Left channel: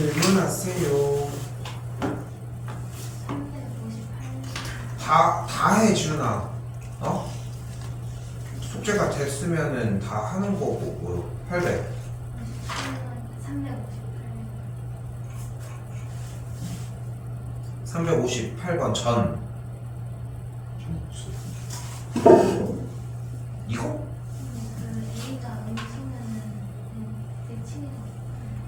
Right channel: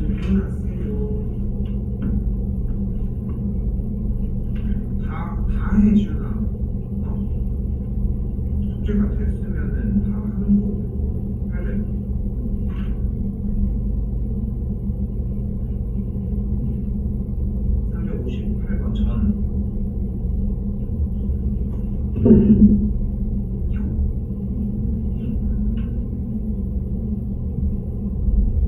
질문하세요. 다 해, 지훈아. 숙제가 됐으면은 다 하는 거고. 800. 358번 전. 이거?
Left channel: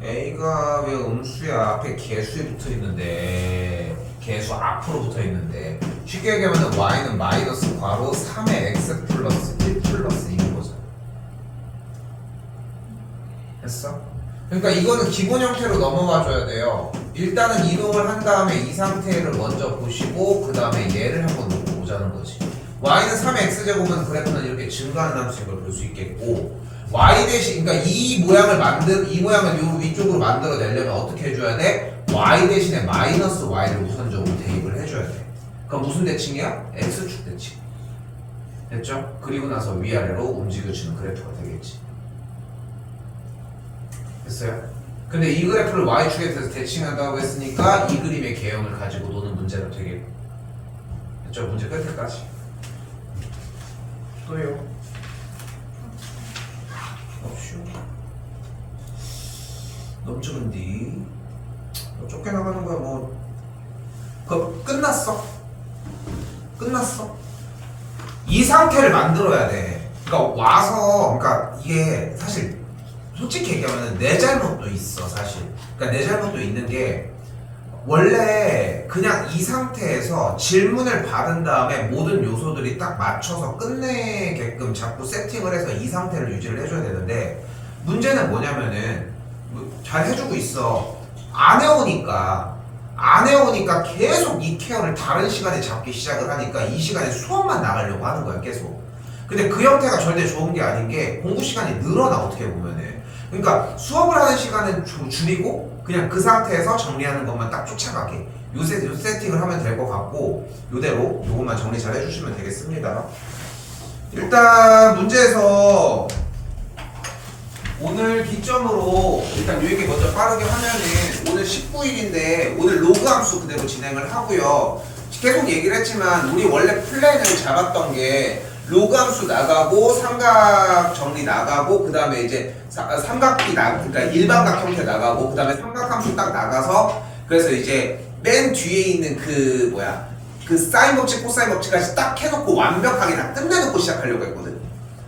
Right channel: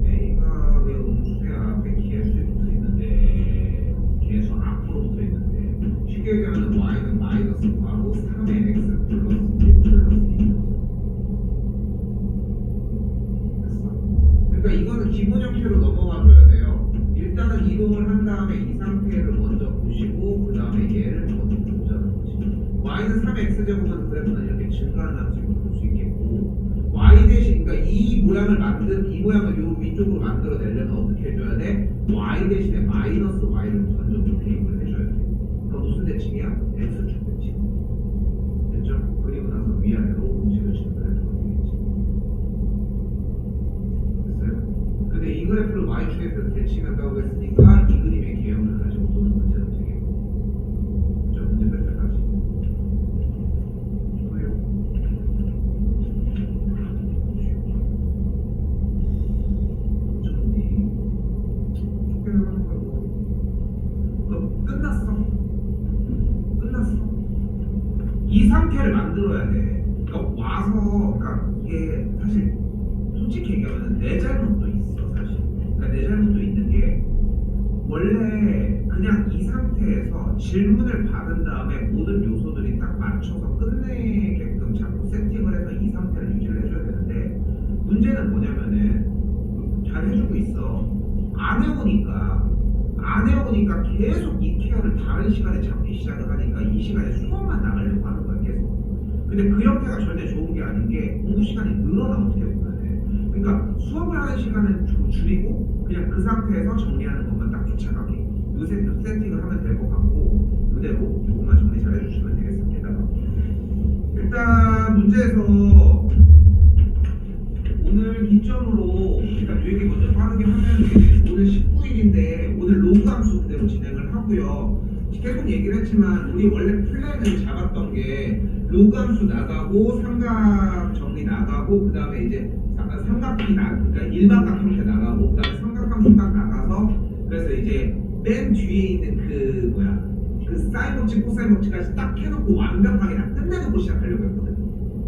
A가 왜 음수야? 앞에 개수에 붙어 있는데, 개수 앞으로 붙어 있는데, 쉽게 얘기하면 y는 마이너스 괄호 3의 x 플러스 1 플러스 2인 거죠. 됐어? 그러니까 이거는 기본 형태로 넘어가 줘야 돼요. 일단은 이동을 한 다음에 이 상태를 먼저 보시고 그 다음에 얘를 한번 놓고 보자는 거지. y는 3의 x제곱은 그래프는 이렇게 증가하는 함수인 걸 볼 수 있겠고, y 대신 그러니까 이 모양을 요 위쪽으로 만들어내려면 어떻게 해줘야 돼? y 대신에 마이너스 y를 우선적으로 대입을 해줘야 돼. 그럼 무슨 대칭이야? x축 대칭. 됐죠? 그리고 나서 위아래로 움직여주는 그래프가 되겠지. 됐어요? 근데 이 그래프를 y축에 대해서 대칭한다고 했으니까 이 그림의 개형을 가지고 노는 문제가 되겠고. 됐죠? 문제 끝까지. 또요. 넘치는디 쫓겨나가는 거야 뭐. 그거 끝났어. 이 상태를 만들어야 돼. 그러니까 와서 그러니까 이게 사실 솔직히 얘기하면 내 잘못도 있어 사실. 그러니까 내 잘못도 있는 게 원래 그냥 이 상태에서 질문을 받은 다음에 모든 요소들이 딱 맞춰서 끝내게끔 자꾸 세팅을 해서 이 상태를 유지를 해줘야 되는데, 문제는 뭐냐면은 잘 해주고 있어. 안 해오니까 계속 이 케어를 다른 시간에 잡기 시작을 하니까 이 시간에 수업만 나가려고 하는 거야 계속. 근데 그 형태가 절대 좋은 게 아닌 게 공부 시간이 늘어나 어떻게 보면은. 그러니까 수업을 하는 시간은 줄이고 그냥 그 상태에서 정리하는 것만 딱 쫓아가게 요 세팅을 하면 될 것 같고, 요대로 요것만 정리 잘 해주시면 되겠습니다. 일단 문제에서 오늘 기점으로 일단 요 얘기 먼저 빠르게 하면은 오늘 19일인데 오늘 로그 함수 그대로 진행을 하고요. 계속 얘기를 했지만 우리 원래 플랜을 잡았던 게 로그 함수 나가고 삼각 정리 나가고 그 다음에 이제 삼각비 그러니까 일반각 형태 나가고 그 다음에 삼각함수 딱 나가서, 그래서 이제 맨 뒤에 있는 그 사인 법칙 코사인 법칙까지 딱 해놓고 완벽하게 다 끝내놓고 시작하려고 했거든.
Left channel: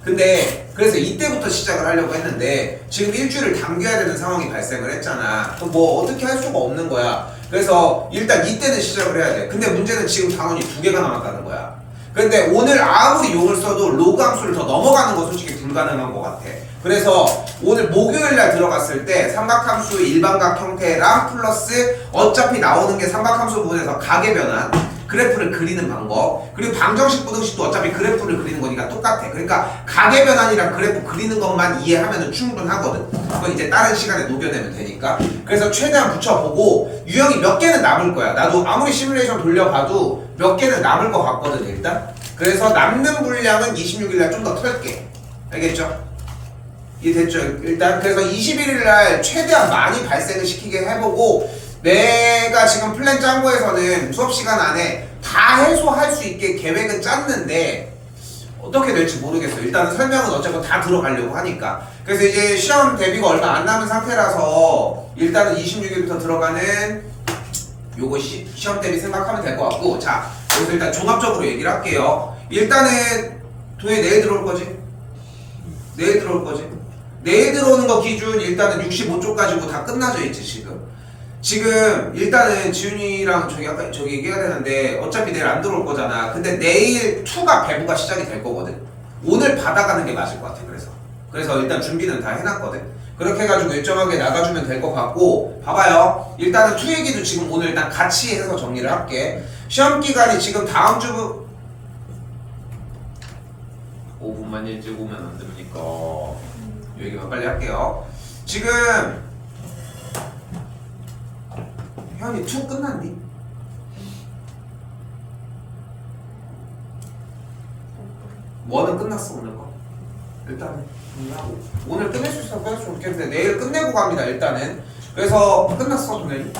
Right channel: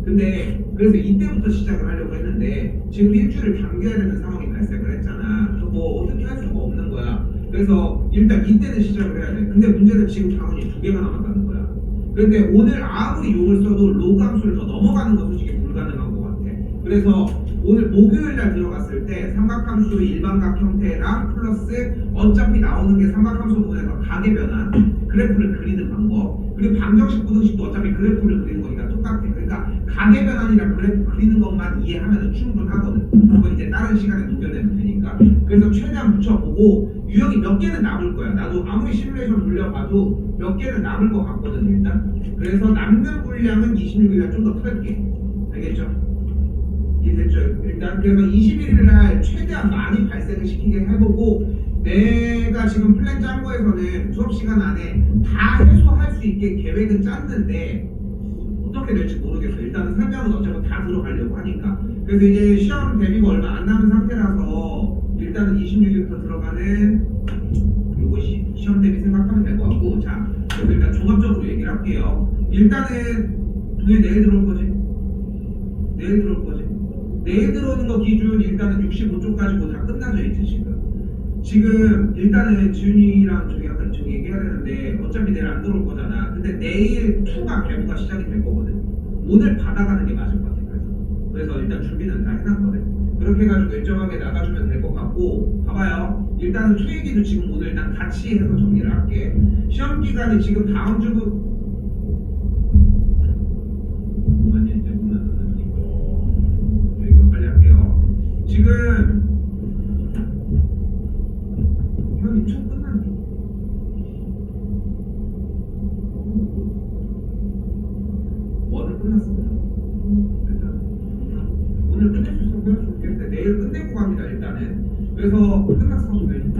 근데 그래서 이때부터 시작을 하려고 했는데 지금 일주일을 당겨야 되는 상황이 발생을 했잖아. 그럼 뭐 어떻게 할 수가 없는 거야. 그래서 일단 이때는 시작을 해야 돼. 근데 문제는 지금 단원이 2개가 남았다는 거야. 근데 오늘 아무리 용을 써도 로그 함수를 더 넘어가는 건 솔직히 불가능한 것 같아. 그래서 오늘 목요일날 들어갔을 때 삼각함수 일반각 형태랑 플러스 어차피 나오는 게 삼각함수 부분에서 각의 변환 그래프를 그리는 방법, 그리고 방정식 부등식도 어차피 그래프를 그리는 거니까 똑같아. 그러니까 각의 변환이랑 그래프 그리는 것만 이해하면 충분하거든. 그건 이제 다른 시간에 녹여내면 되니까. 그래서 최대한 붙여보고 유형이 몇 개는 남을 거야. 나도 아무리 시뮬레이션 돌려봐도 몇 개는 남을 것 같거든 일단. 그래서 남는 분량은 26일날 좀 더 털게. 알겠죠? 이해됐죠? 일단 그래서 21일날 최대한 많이 발생을 시키게 해보고, 내가 지금 플랜 짠 거에서는 수업 시간 안에 다 해소할 수 있게 계획은 짰는데 어떻게 될지 모르겠어요. 일단은 설명은 어차피 다 들어가려고 하니까. 그래서 이제 시험 대비가 얼마 안 남은 상태라서 일단은 26일부터 들어가는 요거 시험 대비 생각하면 될 것 같고, 자 그래서 일단 종합적으로 얘기를 할게요. 일단은 동해 내일 들어올 거지? 내일 들어오는 거 기준 일단은 65쪽 가지고 다 끝나져 있지 지금 일단은 지훈이랑 아까 얘기해야 되는데 어차피 내일 안 들어올 거잖아. 근데 내일 2가 배부가 시작이 될 거거든. 오늘 받아가는 게 맞을 것 같아. 그래서 일단 준비는 다 해놨거든. 그렇게 해가지고 일정하게 나가주면 될 것 같고, 봐봐요. 일단은 2 얘기도 지금 오늘 일단 같이 해서 정리를 할게. 시험 기간이 지금 다음 주 5분만 일찍 오면 안 됩니까? 이 얘기만 빨리 할게요. 지금 현이 2 끝났니? 원은 끝났어 오늘 거. 일단은 오늘 끝낼 수 있으면 끝낼 수 있겠는데 내일 끝내고 갑니다. 일단은 그래서 끝났어 오늘.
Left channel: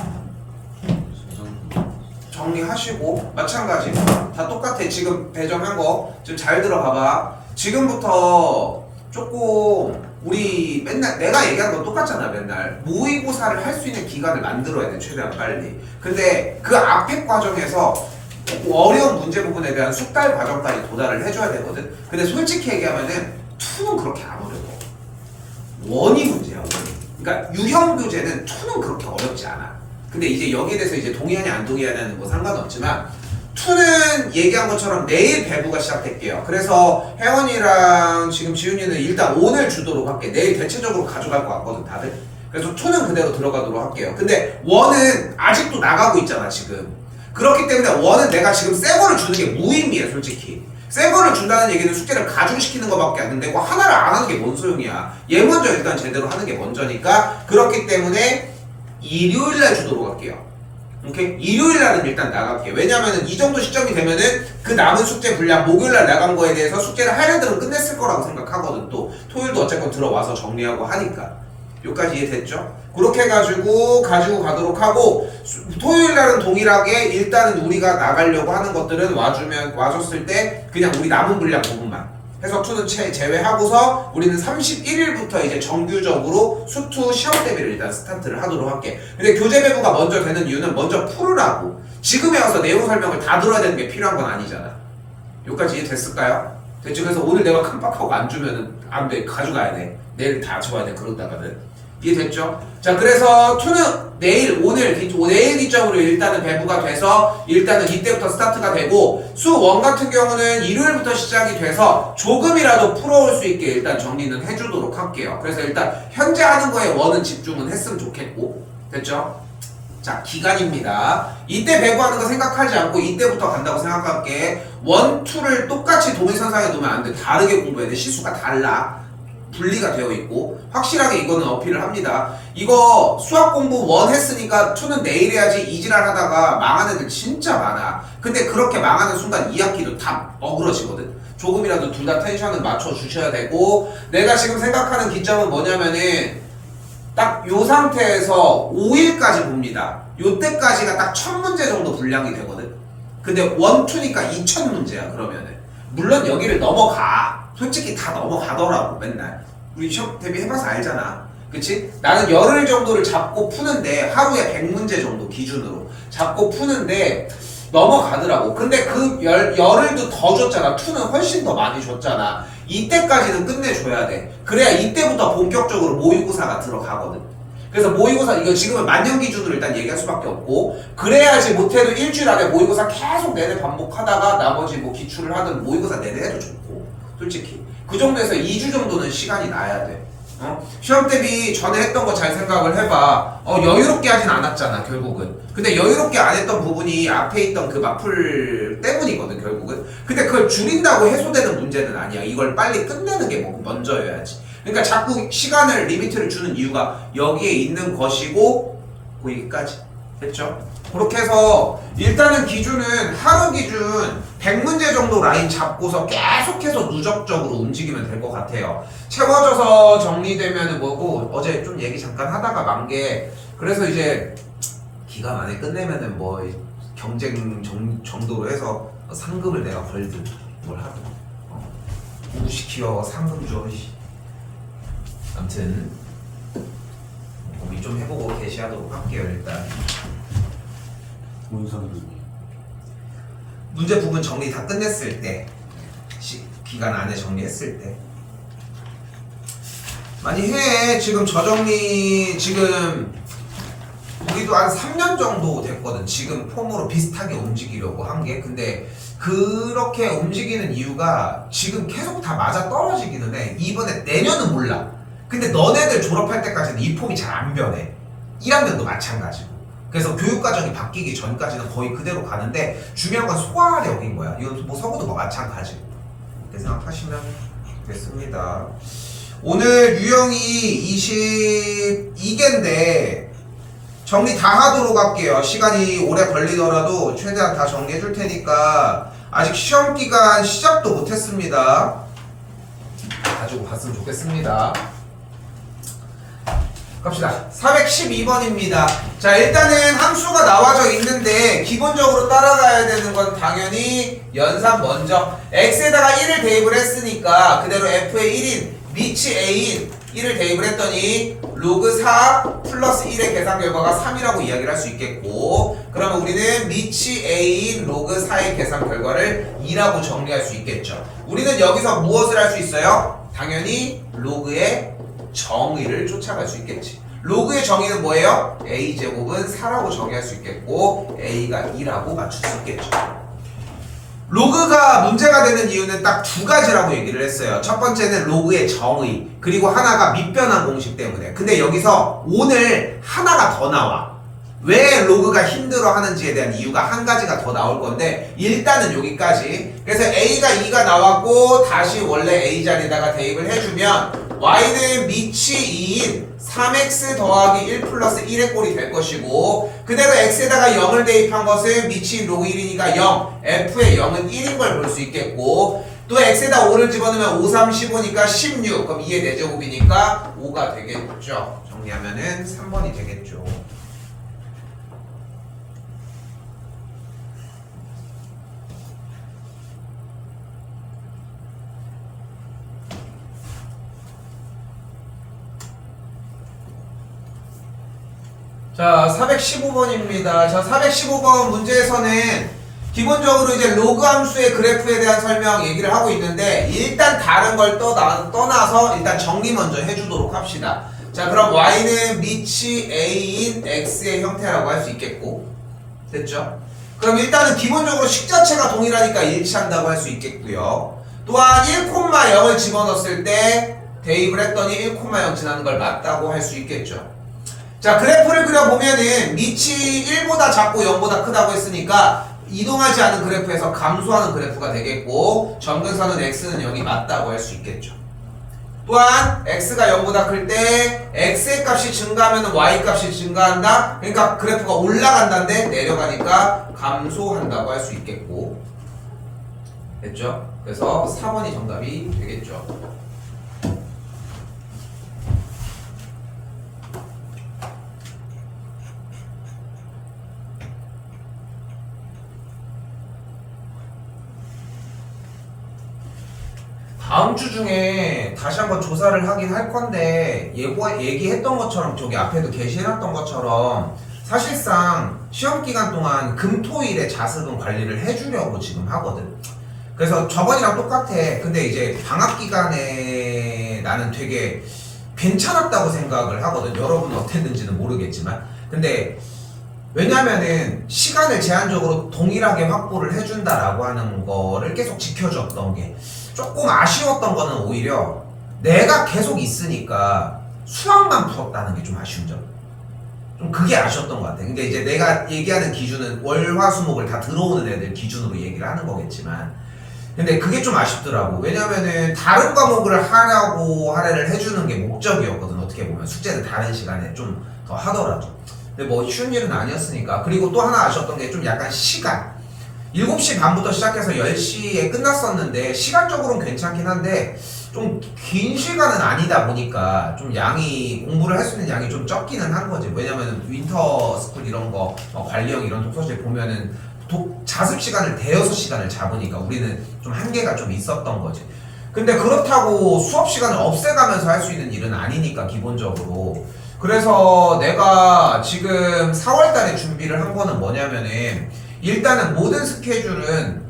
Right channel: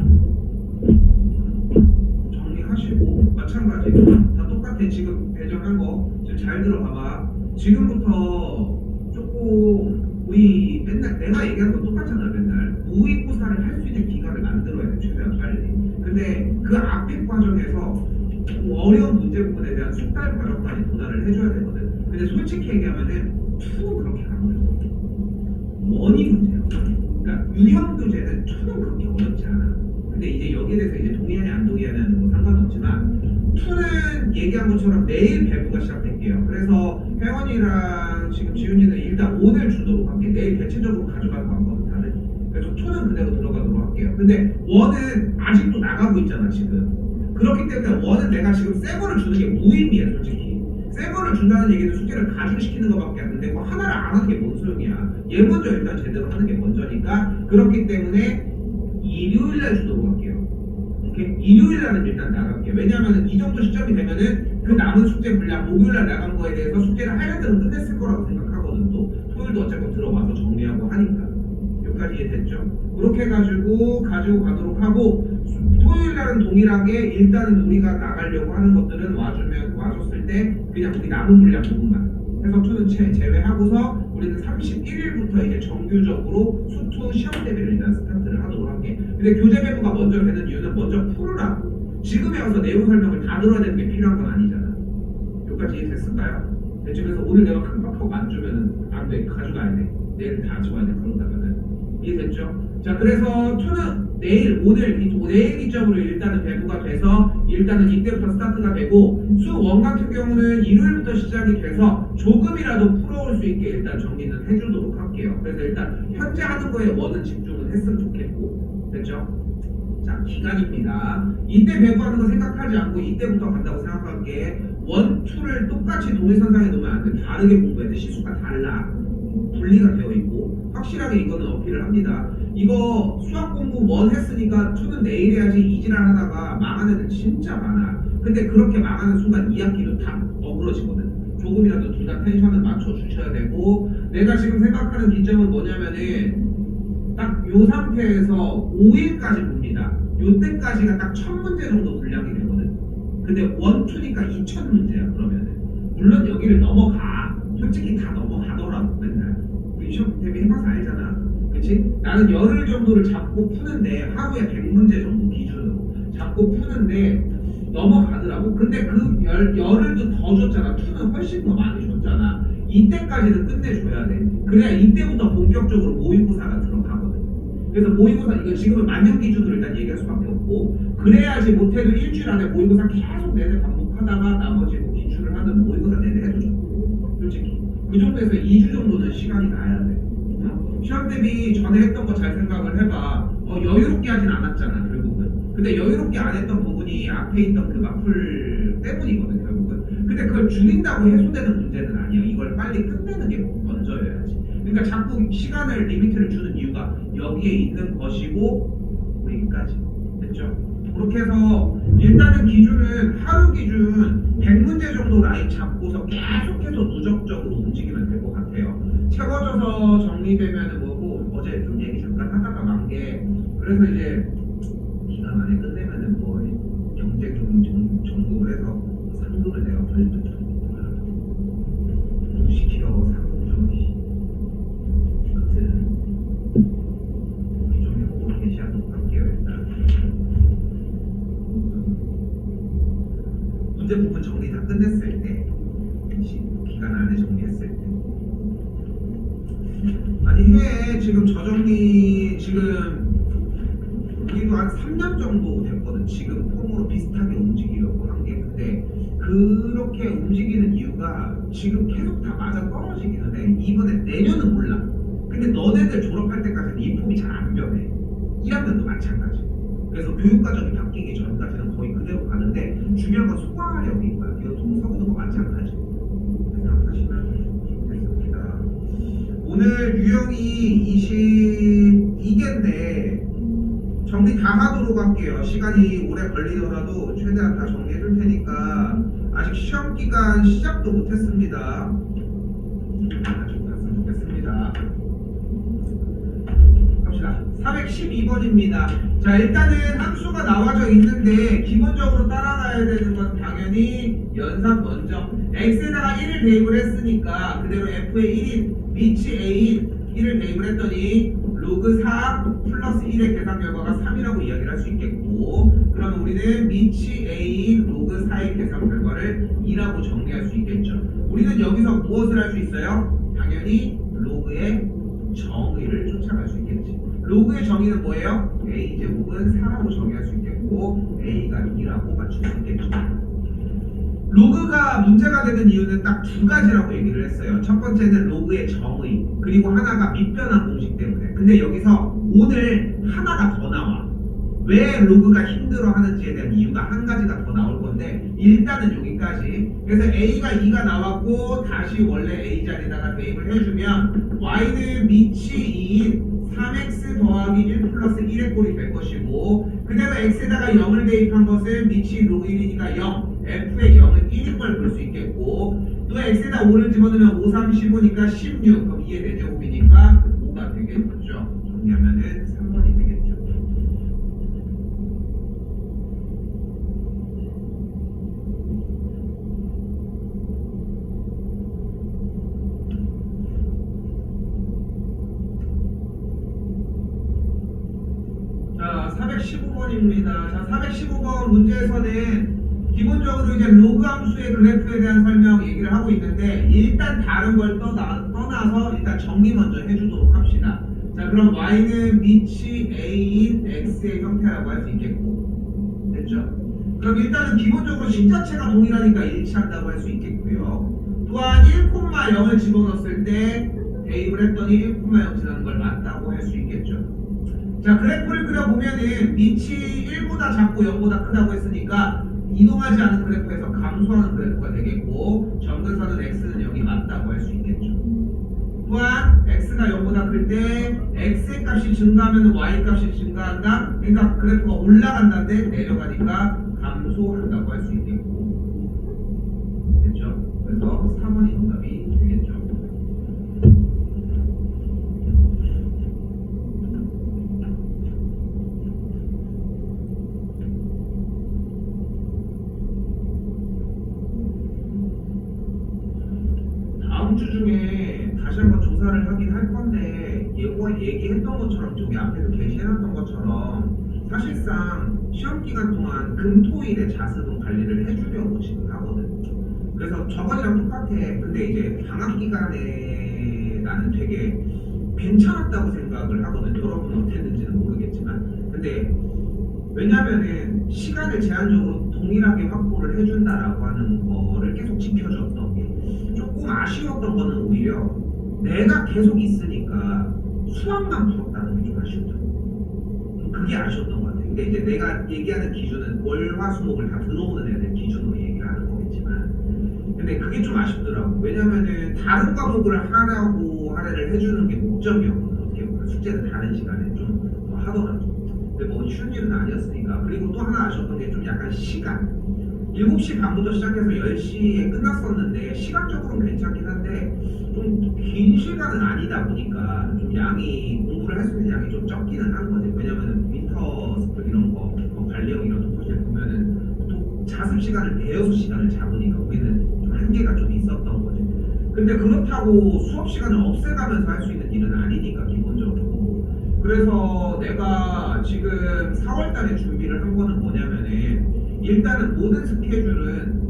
정리하시고 마찬가지 다 똑같아. 지금 배정한 거 지금 잘 들어봐봐. 지금부터 조금 우리 맨날 내가 얘기한 건 똑같잖아. 맨날 모의고사를 할 수 있는 기간을 만들어야 돼 최대한 빨리. 근데 그 앞에 과정에서 어려운 문제 부분에 대한 숙달 과정까지 도달을 해줘야 되거든. 근데 솔직히 얘기하면은 2는 그렇게 안 어려워. 원이 문제야. 그러니까 유형 교재는 2는 그렇게 어렵지 않아. 근데 이제 여기에 대해서 이제 동의하냐 안 동의하냐는 뭐 상관없지만 2는 얘기한 것처럼 내일 배부가 시작될게요. 그래서 혜원이랑 지금 지훈이는 일단 오늘 주도록 할게. 내일 대체적으로 가져갈 것 같거든 다들. 그래서 2는 그대로 들어가도록 할게요. 근데 1은 아직도 나가고 있잖아 지금. 그렇기 때문에 1은 내가 지금 새 거를 주는 게 무의미해 솔직히. 새 거를 준다는 얘기는 숙제를 가중시키는 것밖에 안 되는데 하나를 안 하는 게 뭔 소용이야. 얘 먼저 일단 제대로 하는 게 먼저니까. 그렇기 때문에 일요일날 주도록 할게요. 오케이? 일요일날은 일단 나갈게요. 왜냐면은 이 정도 시점이 되면은 그 남은 숙제 분량 목요일날 나간 거에 대해서 숙제를 할 애들은 끝냈을 거라고 생각하거든. 또 토요일도 어쨌건 들어와서 정리하고 하니까. 여기까지 이해됐죠? 그렇게 해가지고 가지고 가도록 하고 토요일날은 동일하게 일단은 우리가 나가려고 하는 것들은 와줬을 때 그냥 우리 남은 분량 부분만 해서 2는 제외하고서 우리는 31일부터 이제 정규적으로 수투 시험 대비를 일단 스타트를 하도록 할게. 근데 교재 배부가 먼저 되는 이유는 먼저 풀으라고. 지금에 와서 내용 설명을 다 들어야 되는 게 필요한 건 아니잖아. 여기까지 이해됐을까요? 됐죠? 그래서 오늘 내가 깜빡하고 안 주면은 안 돼. 가져가야 돼. 내일 다 줘야 돼. 그런다가는. 이해됐죠? 자, 그래서 2는 내일 기점으로 일단은 배부가 돼서 일단은 이때부터 스타트가 되고 수 1 같은 경우는 일요일부터 시작이 돼서 조금이라도 풀어올 수 있게 일단 정리는 해주도록 할게요. 그래서 일단 현재 하는 거에 1은 집중은 했으면 좋겠고. 됐죠? 자, 기간입니다. 이때 배부하는 거 생각하지 않고 이때부터 간다고 생각할게. 1, 2를 똑같이 동일선상에 놓으면 안 돼. 다르게 공부해야 돼. 시수가 달라. 분리가 되어 있고 확실하게 이거는 어필을 합니다. 이거 수학 공부 1 했으니까 2는 내일 해야지 이지랄 하다가 망하는 애들 진짜 많아. 근데 그렇게 망하는 순간 2학기도 다 어그러지거든. 조금이라도 둘 다 텐션을 맞춰 주셔야 되고 내가 지금 생각하는 기점은 뭐냐면은 딱 요 상태에서 5일까지 봅니다. 요때까지가 딱 1000문제 정도 분량이 되거든. 근데 1, 2니까 2000문제야 그러면은. 물론 여기를 넘어가. 솔직히 다 넘어가더라고 맨날. 우리 시험 대비해봐서 알잖아. 그치? 나는 열흘 정도를 잡고 푸는데 하루에 100문제 정도 기준으로 잡고 푸는데 넘어가더라고. 근데 그 열흘도 더 줬잖아. 2는 훨씬 더 많이 줬잖아. 이때까지는 끝내줘야 돼. 그래야 이때부터 본격적으로 모의고사가 들어가거든. 그래서 모의고사 이거 지금은 만년 기준으로 일단 얘기할 수밖에 없고 그래야지 못해도 일주일 안에 모의고사 계속 내내 반복하다가 나머지 뭐 기출을 하든 모의고사 내내 해도 좋고 솔직히 그 정도에서 2주 정도는 시간이 나야 돼. 시험 대비 전에 했던 거 잘 생각을 해봐. 여유롭게 하진 않았잖아 결국은. 근데 여유롭게 안 했던 부분이 앞에 있던 그 마플 때문이거든 결국은. 근데 그걸 줄인다고 해소되는 문제는 아니야. 이걸 빨리 끝내는 게 먼저여야지. 그러니까 자꾸 시간을 리미트를 주는 이유가 여기에 있는 것이고 여기까지. 됐죠? 그렇게 해서 일단은 기준은 하루 기준 100문제 정도 라인 잡고서 계속해서 누적적으로 움직이면 될 것 같아요. 채워져서 정리되면은 뭐고 어제 좀 얘기 잠깐 하다가 만 게 그래서 이제 기간 안에 끝내면은 뭐 경쟁 정도로 해서 상금을 내가 걸든 뭘 하고 무시키워 상금 줘. 아무튼 고민 좀 해보고 게시하도록 할게요. 일단 문제 부분 정리 다 끝냈을 때 기간 안에 정리했을 때 많이 해. 지금 저정리 지금 우리도 한 3년 정도 됐거든. 지금 폼으로 비슷하게 움직이려고 한 게. 근데 그렇게 움직이는 이유가 지금 계속 다 맞아 떨어지기는 해. 이번에 내년은 몰라. 근데 너네들 졸업할 때까지는 이 폼이 잘 안 변해. 1학년도 마찬가지고. 그래서 교육과정이 바뀌기 전까지는 거의 그대로 가는데 중요한 건 소화력인 거야. 이건 뭐 서구도 뭐 마찬가지고. 이렇게 생각하시면 됐습니다. 오늘 유형이 22개인데 정리 다 하도록 할게요. 시간이 오래 걸리더라도 최대한 다 정리해 줄 테니까 아직 시험 기간 시작도 못 했습니다. 가지고 갔으면 좋겠습니다. 갑시다. 갑시다. 412번입니다. 자, 일단은 함수가 나와져 있는데 기본적으로 따라가야 되는 건 당연히 연산 먼저 x에다가 1을 대입을 했으니까 그대로 f의 1인 미치 a인 1을 대입을 했더니 로그 4 플러스 1의 계산 결과가 3이라고 이야기를 할 수 있겠고, 그러면 우리는 미치 a인 로그 4의 계산 결과를 2라고 정리할 수 있겠죠. 우리는 여기서 무엇을 할 수 있어요? 당연히 로그의 정의를 쫓아갈 수 있겠지. 로그의 정의는 뭐예요? a제곱은 4라고 정의할 수 있겠고 a가 2라고 맞출 수 있겠죠. 로그가 문제가 되는 이유는 딱 두 가지라고 얘기를 했어요. 첫 번째는 로그의 정의, 그리고 하나가 밑변환 공식 때문에. 근데 여기서 오늘 하나가 더 나와. 왜 로그가 힘들어 하는지에 대한 이유가 한 가지가 더 나올 건데 일단은 여기까지. 그래서 a가 2가 나왔고 다시 원래 a 자리에다가 대입을 해주면 y는 미치 2인 3x 더하기 1 플러스 1의 꼴이 될 것이고, 그대로 x에다가 0을 대입한 것은 미치 로그 1이니까 0, f의 0은 1인 걸 볼 수 있겠고, 또 x에다 5를 집어넣으면 5, 3, 15니까 16, 그럼 2의 4제곱이니까 5가 되겠죠. 정리하면은 3번이 되겠죠. 자, 415번입니다. 자, 415번 문제에서는 기본적으로 이제 로그 함수의 그래프에 대한 설명 얘기를 하고 있는데 일단 다른 걸 떠나서 일단 정리 먼저 해주도록 합시다. 자, 그럼 y는 미치 a인 x의 형태라고 할 수 있겠고, 됐죠? 그럼 일단은 기본적으로 식 자체가 동일하니까 일치한다고 할 수 있겠고요. 또한 1,0을 집어넣었을 때 대입을 했더니 1,0 지나는 걸 맞다고 할 수 있겠죠. 자, 그래프를 그려보면은 미치 1보다 작고 0보다 크다고 했으니까 이동하지 않은 그래프에서 감소하는 그래프가 되겠고, 점근선은 x는 0이 맞다고 할 수 있겠죠. 또한 x가 0보다 클 때 x의 값이 증가하면 y 값이 증가한다. 그러니까 그래프가 올라간다는데 내려가니까 감소한다고 할 수 있겠고, 됐죠? 그래서 4번이 정답이 되겠죠. 다음 주 중에 다시 한번 조사를 하긴 할 건데 얘기했던 것처럼 저기 앞에도 게시해놨던 것처럼 사실상 시험 기간 동안 금토일에 자습은 관리를 해주려고 지금 하거든. 그래서 저번이랑 똑같아. 근데 이제 방학 기간에 나는 되게 괜찮았다고 생각을 하거든. 여러분은 어땠는지는 모르겠지만, 근데 왜냐면은 시간을 제한적으로 동일하게 확보를 해준다라고 하는 거를 계속 지켜줬던 게 조금 아쉬웠던 거는 오히려 내가 계속 있으니까 수학만 풀었다는 게 좀 아쉬운 점. 좀 그게 아쉬웠던 것 같아. 근데 이제 내가 얘기하는 기준은 월화수목을 다 들어오는 애들 기준으로 얘기를 하는 거겠지만, 근데 그게 좀 아쉽더라고. 왜냐면은 다른 과목을 하려고 할애를 해주는 게 목적이었거든. 어떻게 보면 숙제는 다른 시간에 좀 더 하더라도. 근데 뭐 쉬운 일은 아니었으니까. 그리고 또 하나 아쉬웠던 게 좀 약간 시간. 7시 반부터 시작해서 10시에 끝났었는데 시간적으로는 괜찮긴 한데 좀 긴 시간은 아니다 보니까 좀 양이, 공부를 할 수 있는 양이 좀 적기는 한 거지. 왜냐면 윈터 스쿨 이런 거 관리형 이런 독서실 보면은 자습 시간을 대여섯 시간을 잡으니까 우리는 좀 한계가 좀 있었던 거지. 근데 그렇다고 수업 시간을 없애가면서 할 수 있는 일은 아니니까 기본적으로. 그래서 내가 지금 4월달에 준비를 한 거는 뭐냐면은 일단은 모든 스케줄은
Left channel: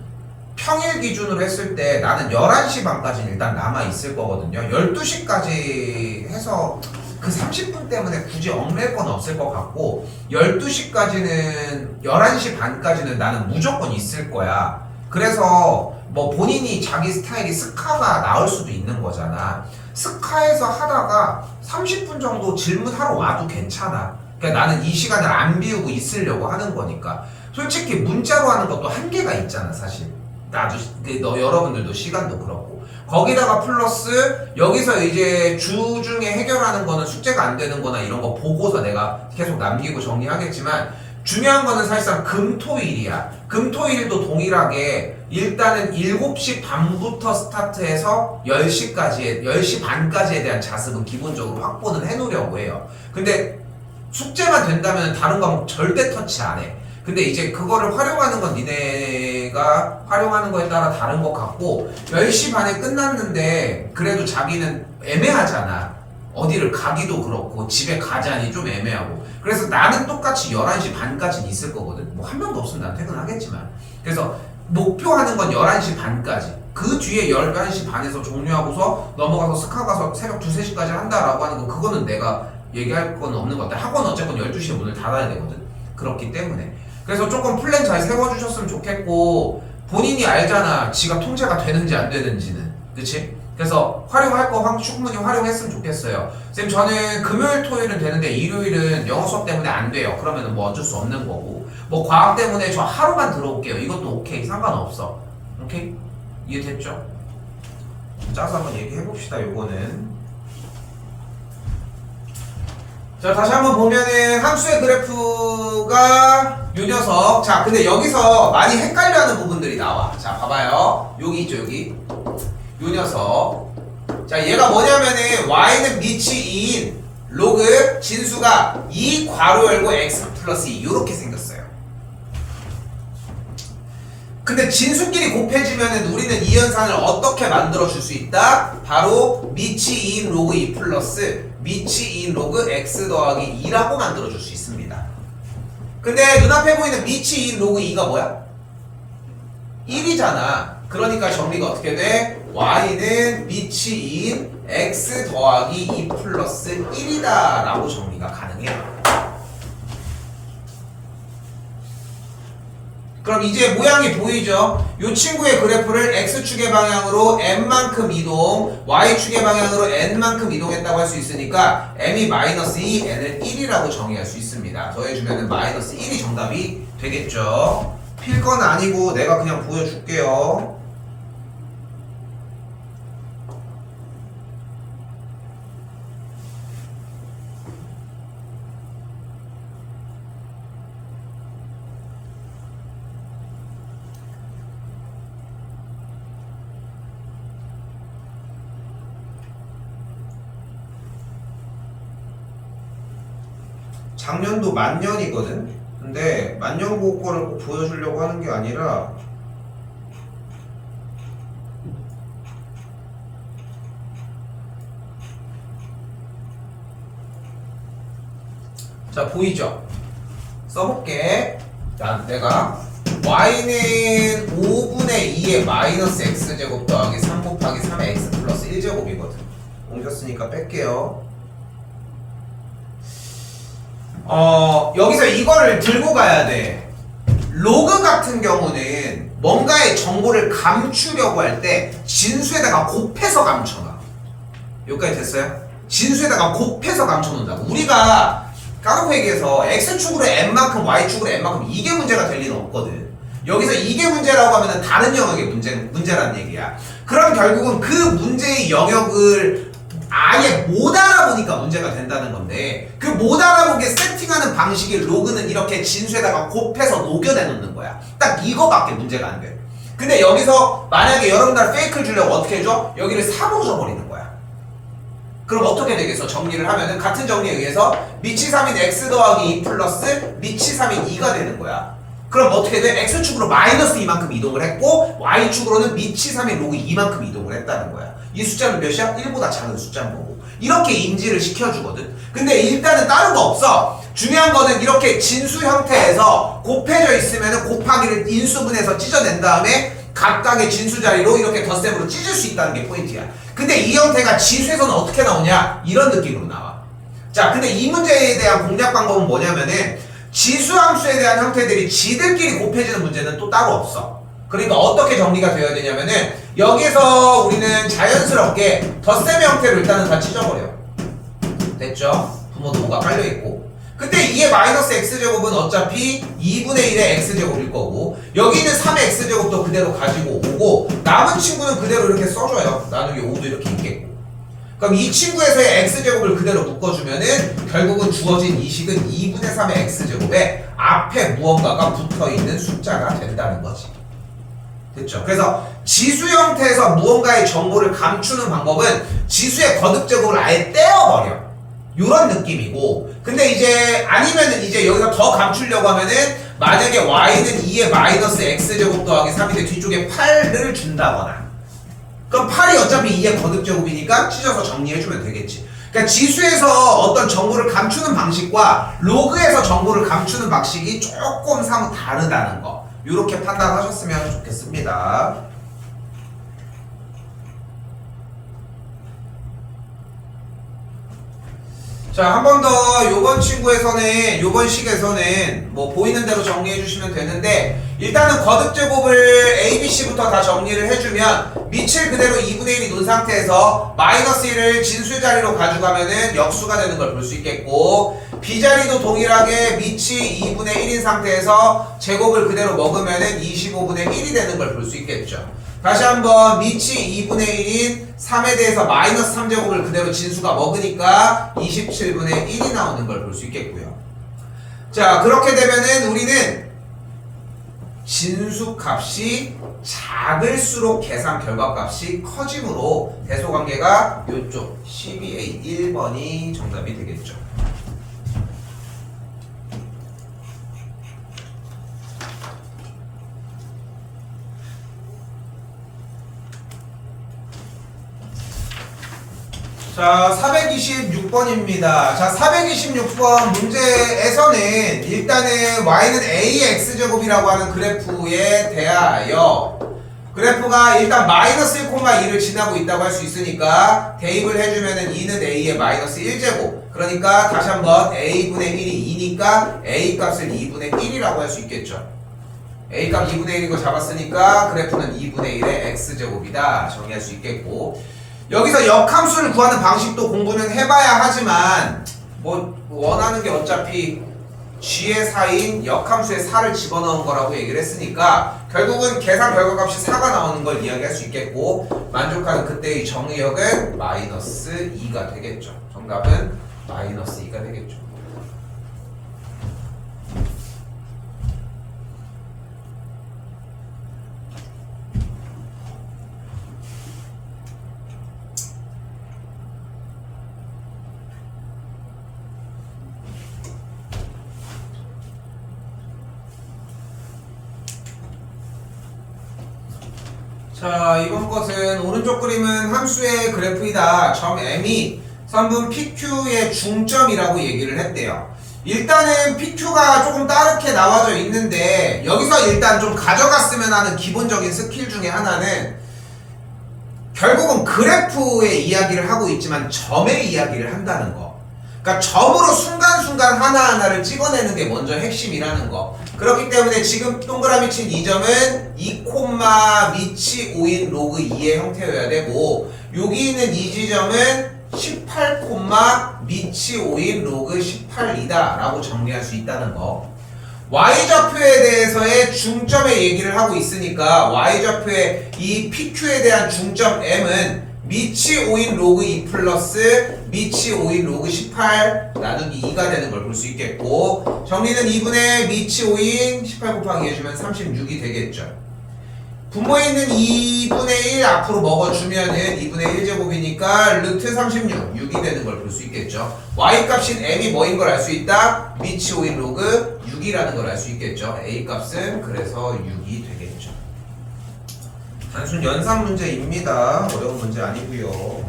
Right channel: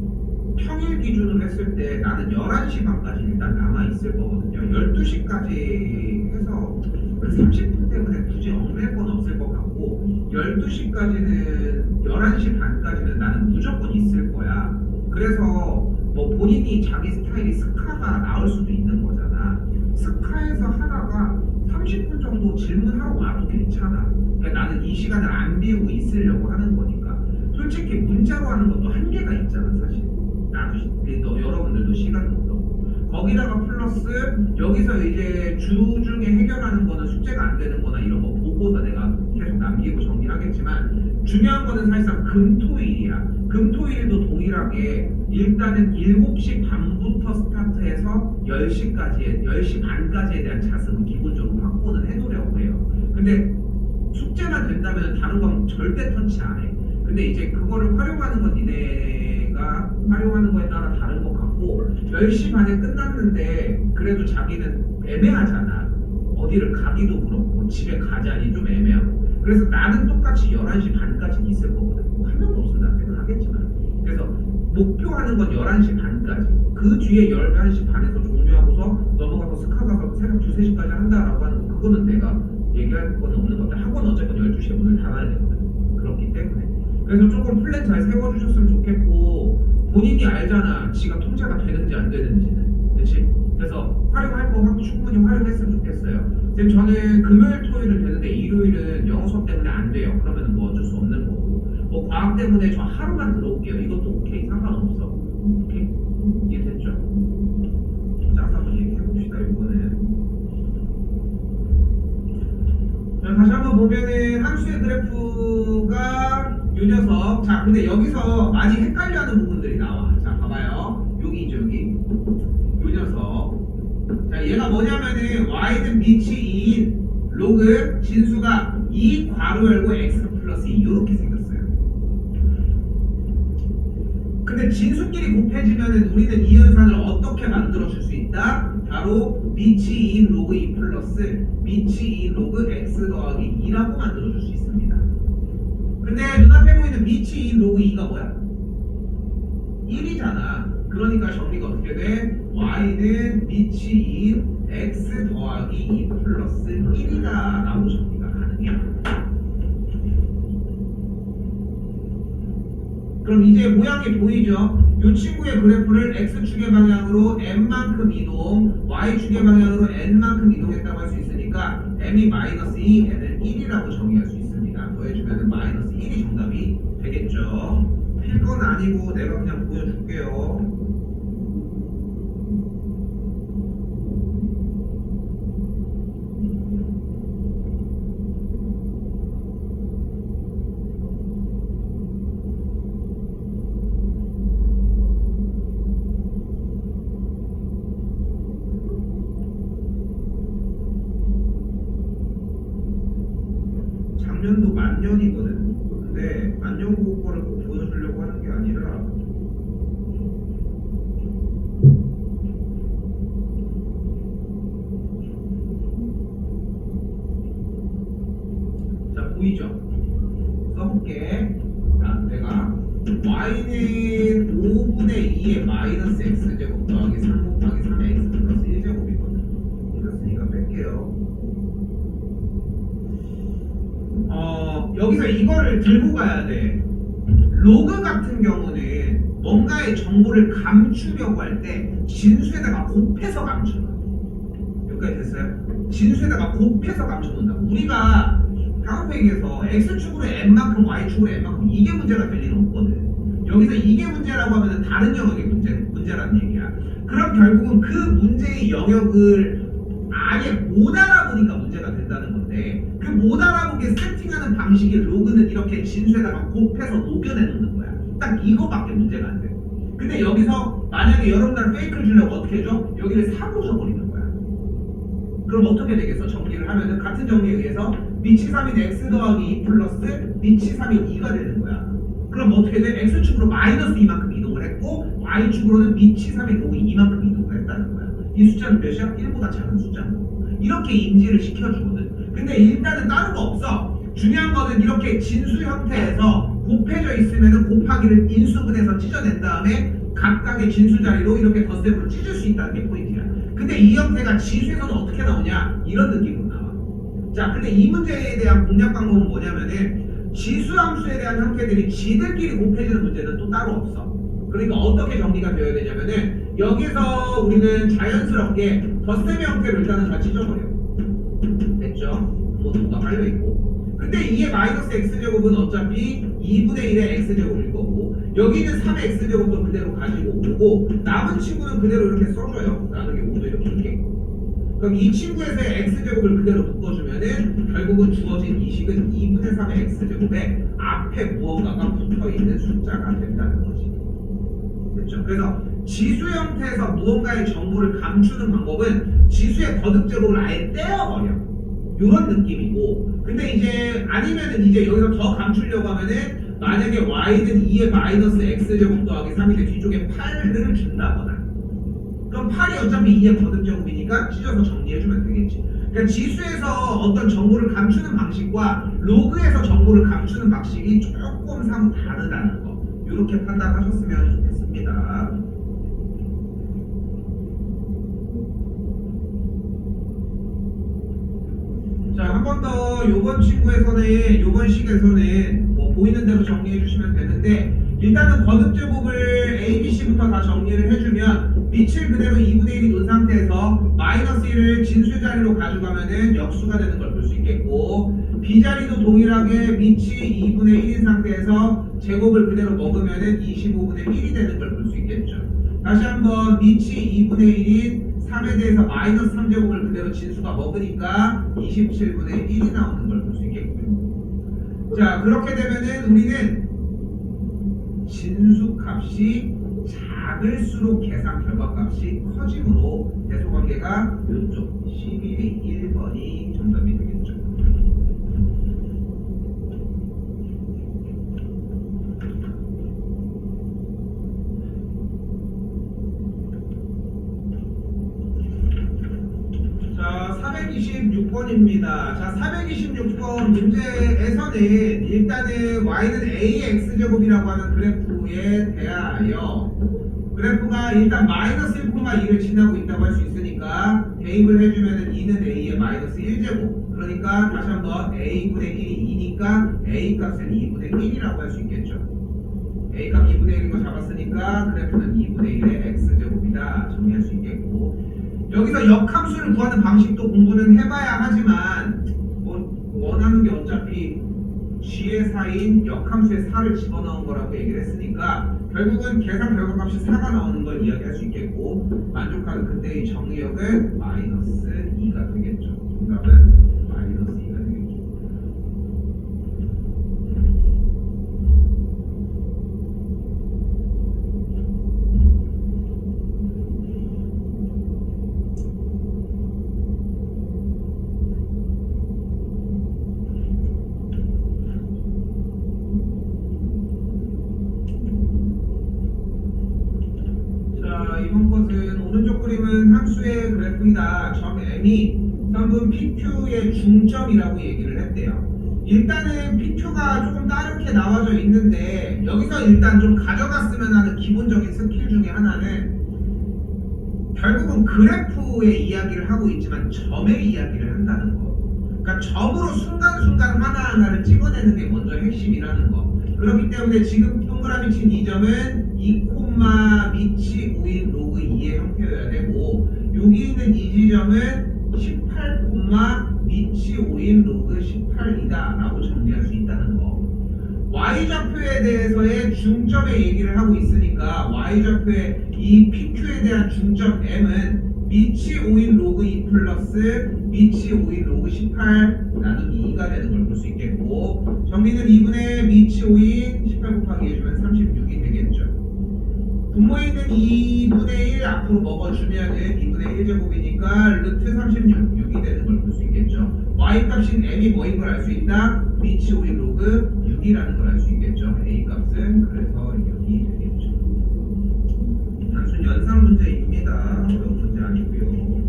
평일 기준으로 했을 때 나는 11시 반까지는 일단 남아있을 거거든요. 12시까지 해서 그 30분 때문에 굳이 얽맬 건 없을 것 같고, 12시까지는 11시 반까지는 나는 무조건 있을 거야. 그래서 뭐 본인이 자기 스타일이 스카가 나을 수도 있는 거잖아. 스카에서 하다가 30분 정도 질문하러 와도 괜찮아. 그러니까 나는 이 시간을 안 비우고 있으려고 하는 거니까. 솔직히 문자로 하는 것도 한계가 있잖아 사실. 나도 너 여러분들도 시간도 그렇고, 거기다가 플러스 여기서 이제 주 중에 해결하는 거는 숙제가 안 되는 거나 이런 거 보고서 내가 계속 남기고 정리하겠지만, 중요한 거는 사실상 금토일이야. 금토일도 동일하게 일단은 7시 반부터 스타트해서 10시까지 10시 반까지에 대한 자습은 기본적으로 확보는 해놓으려고 하려고 해요. 근데 숙제만 된다면 다른 과목 절대 터치 안 해. 근데 이제 그거를 활용하는 건 니네가 활용하는 거에 따라 다른 것 같고 10시 반에 끝났는데 그래도 자기는 애매하잖아. 어디를 가기도 그렇고 집에 가자니 좀 애매하고. 그래서 나는 똑같이 11시 반까지는 있을 거거든. 뭐 한 명도 없으면 난 퇴근하겠지만. 그래서 목표하는 건 11시 반까지. 그 뒤에 11시 반에서 종료하고서 넘어가서 스카 가서 새벽 2, 3시까지 한다라고 하는 거 그거는 내가 얘기할 건 없는 것 같아. 학원 어쨌건 12시에 문을 닫아야 되거든. 그렇기 때문에. 그래서 조금 플랜 잘 세워주셨으면 좋겠고 본인이 알잖아. 지가 통제가 되는지 안 되는지는. 그치? 그래서 활용할 거 충분히 활용했으면 좋겠어요. 쌤 저는 금요일 토요일은 되는데 일요일은 영어 수업 때문에 안 돼요. 그러면 뭐 어쩔 수 없는 거고 뭐 과학 때문에 저 하루만 들어올게요. 이것도 오케이. 상관없어. 오케이? 이해됐죠? 짜서 한번 얘기해봅시다. 요거는 자 다시 한번 보면은 함수의 그래프가 요 녀석. 자 근데 여기서 많이 헷갈려하는 부분들이 나와. 자 봐봐요. 여기 있죠 여기. 요 녀석. 자 얘가 뭐냐면은 y는 밑이 2인 로그 진수가 2 괄호 열고 x 플러스 2 요렇게 생겼어요. 근데 진수끼리 곱해지면은 우리는 이 현상을 어떻게 만들어 줄 수 있다? 바로 밑이 2인 로그 2 플러스 밑이 2인 로그 x 더하기 2라고 만들어 줄 수 있습니다. 근데 눈앞에 보이는 밑이 2인 로그 2가 뭐야? 1이잖아. 그러니까 정리가 어떻게 돼? y는 밑이 2인 x 더하기 2 플러스 1이다 라고 정리가 가능해요. 그럼 이제 모양이 보이죠? 이 친구의 그래프를 x축의 방향으로 n만큼 이동, y축의 방향으로 n만큼 이동했다고 할 수 있으니까 m이 마이너스 2, n을 1이라고 정의할 수 있습니다. 더해주면 마이너스 1이 정답이 되겠죠? 필 건 아니고 내가 그냥 보여줄게요. 작년도 만년이거든? 근데 만년고거를 꼭 보여주려고 하는 게 아니라 자 보이죠? 써볼게. 자 내가 y는 5분의 2의 마이너스 x제곱 더하기 3 곱하기 3의 x 플러스 1제곱이거든. 옮겼으니까 뺄게요. 여기서 이거를 들고 가야 돼. 로그 같은 경우는 뭔가의 정보를 감추려고 할 때 진수에다가 곱해서 감춰놔. 여기까지 됐어요? 진수에다가 곱해서 감춰놓는다고. 우리가 까놓고 얘기해서 x축으로 n만큼 y축으로 n만큼 이게 문제가 될 리는 없거든. 여기서 이게 문제라고 하면 다른 영역의 문제라는 얘기야. 그럼 결국은 그 문제의 영역을 아예 못 알아보니까 문제가 된다는 건데 그 못 알아보게 세팅하는 방식이 로그는 이렇게 진수에다가 곱해서 녹여내 놓는 거야. 딱 이거밖에 문제가 안 돼. 근데 여기서 만약에 여러분들 페이크를 주려고 어떻게 해줘? 여기를 3으로 줘버리는 거야. 그럼 어떻게 되겠어? 정리를 하면은 같은 정리에 의해서 밑이 3인 x 더하기 2 플러스 밑이 3인 2가 되는 거야. 그럼 어떻게 돼? x축으로 마이너스 2만큼 이동을 했고 y축으로는 밑이 3인 로그 2만큼 이동을 했다는 거야. 이 숫자는 몇이야? 1보다 작은 숫자인 거고. 이렇게 인지를 시켜주거든. 근데 일단은 다른 거 없어. 중요한 거는 이렇게 진수 형태에서 곱해져 있으면 곱하기를 인수분해서 찢어낸 다음에 각각의 진수 자리로 이렇게 덧셈으로 찢을 수 있다는 게 포인트야. 근데 이 형태가 지수에서는 어떻게 나오냐? 이런 느낌으로 나와. 자, 근데 이 문제에 대한 공략 방법은 뭐냐면은 지수함수에 대한 형태들이 지들끼리 곱해지는 문제는 또 따로 없어. 그러니까 어떻게 정리가 되어야 되냐면은 여기서 우리는 자연스럽게 덧셈 형태로 일단은 다 찢어버려. 됐죠? 부모도 5가 깔려있고. 근데 2의 마이너스 x제곱은 어차피 2분의 1의 x제곱일 거고 여기 있는 3의 x제곱도 그대로 가지고 오고 남은 친구는 그대로 이렇게 써줘요. 나중에 5도 이렇게 있겠고. 그럼 이 친구에서의 x제곱을 그대로 묶어주면은 결국은 주어진 이 식은 2분의 3의 x제곱에 앞에 무언가가 붙어있는 숫자가 된다는 거지. 됐죠? 그래서 지수 형태에서 무언가의 정보를 감추는 방법은 지수의 거듭제곱을 아예 떼어버려. 요런 느낌이고, 근데 이제 아니면은 이제 여기서 더 감추려고 하면은 만약에 y는 2의 마이너스 x제곱 더하기 3인데 뒤쪽에 8을 준다거나, 그럼 8이 어차피 2의 거듭제곱이니까 찢어서 정리해주면 되겠지. 그러니까 지수에서 어떤 정보를 감추는 방식과 로그에서 정보를 감추는 방식이 조금 사뭇 다르다는 거, 이렇게 판단하셨으면 좋겠습니다. 자, 한 번 더 요번 친구에서는, 요번 식에서는 뭐 보이는 대로 정리해 주시면 되는데, 일단은 거듭제곱을 ABC부터 다 정리를 해주면 밑을 그대로 2분의 1이 놓은 상태에서 마이너스 1을 진수 자리로 가져가면은 역수가 되는 걸 볼 수 있겠고, B자리도 동일하게 밑이 2분의 1인 상태에서 제곱을 그대로 먹으면은 25분의 1이 되는 걸 볼 수 있겠죠. 다시 한번 밑이 2분의 1인 3에 대해서 마이너스 3제곱을 그대로 진수가 먹으니까 27분의 1이 나오는 걸 볼 수 있겠고요. 자, 그렇게 되면은 우리는 진수 값이 작을수록 계산 결과 값이 커지므로 대소관계가 이쪽 12A 1번이 정답이 되겠죠. 자, 426번입니다. 자, 426번 문제에서는 일단은 y는 ax제곱이라고 하는 그래프에 대하여 그래프가 일단 마이너스 1,2를 지나고 있다고 할 수 있으니까 대입을 해주면은 2는 a의 마이너스 1제곱, 그러니까 다시 한번 a분의 1이 2니까 a 값을 2분의 1이라고 할 수 있겠죠. a 값 2분의 1이고 잡았으니까 그래프는 2분의 1의 x제곱이다 정리할 수 있겠고, 여기서 역함수를 구하는 방식도 공부는 해봐야 하지만 뭐 원하는 게 어차피 g의 4인 역함수의 4를 집어넣은 거라고 얘기를 했으니까 결국은 계산 결과값이 4가 나오는 걸 이야기할 수 있겠고, 만족하는 그때의 정의역은 마이너스 2가 되겠죠. 정답은 마이너스 2가 되겠죠. 자, 이번 것은 오른쪽 그림은 함수의 그래프이다. 점 M이 선분 PQ의 중점이라고 얘기를 했대요. 일단은 PQ가 조금 다르게 나와져 있는데 여기서 일단 좀 가져갔으면 하는 기본적인 스킬 중에 하나는 결국은 그래프의 이야기를 하고 있지만 점의 이야기를 한다는 거. 그러니까 점으로 순간순간 하나하나를 찍어내는 게 먼저 핵심이라는 거. 그렇기 때문에 지금 동그라미 친 이 점은 2, 밑이 5인 로그 2의 형태여야 되고, 여기 있는 이 지점은 18, 밑이 5인 로그 18이다 라고 정리할 수 있다는 거. y좌표에 대해서의 중점의 얘기를 하고 있으니까 y좌표의 이 PQ에 대한 중점 M은 밑이 5인 로그 2 플러스 밑이 5인 로그 18 나누기 2가 되는 걸 볼 수 있겠고, 정리는 2분의 밑이 5인 18 곱하기 해주면 36이 되겠죠. 분모에 있는 2분의 1 앞으로 먹어주면은 2분의 1제곱이니까 루트 36, 6이 되는 걸 볼 수 있겠죠. y 값인 m이 뭐인 걸 알 수 있다? 밑이 5인 로그 6이라는 걸 알 수 있겠죠. a 값은 그래서 6이 되겠죠. 단순 연산 문제입니다. 어려운 문제 아니고요.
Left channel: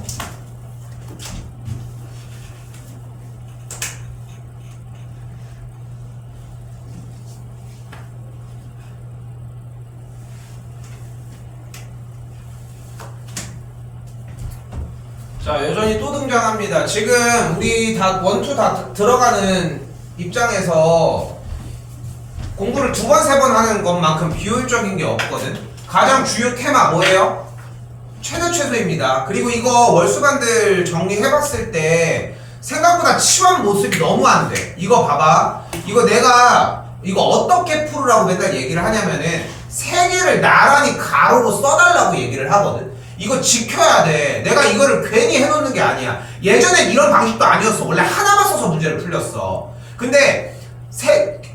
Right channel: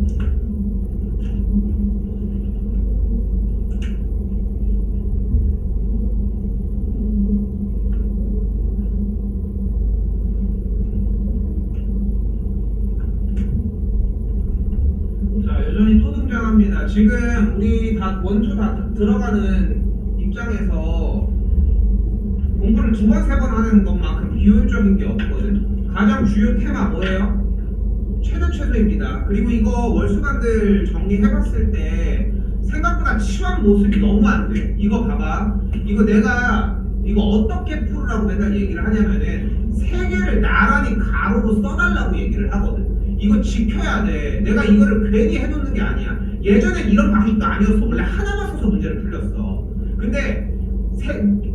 자, 여전히 또 등장합니다. 지금 우리 다 원투 다 들어가는 입장에서 공부를 2번, 3번 하는 것만큼 비효율적인 게 없거든. 가장 주요 테마 뭐예요? 최대최소입니다. 그리고 이거 월수반들 정리해봤을 때 생각보다 치환 모습이 너무 안 돼. 이거 봐봐. 이거 내가 이거 어떻게 풀으라고 맨날 얘기를 하냐면은 3개를 나란히 가로로 써달라고 얘기를 하거든. 이거 지켜야 돼. 내가 이거를 괜히 해놓는 게 아니야. 예전엔 이런 방식도 아니었어. 원래 하나만 써서 문제를 풀렸어. 근데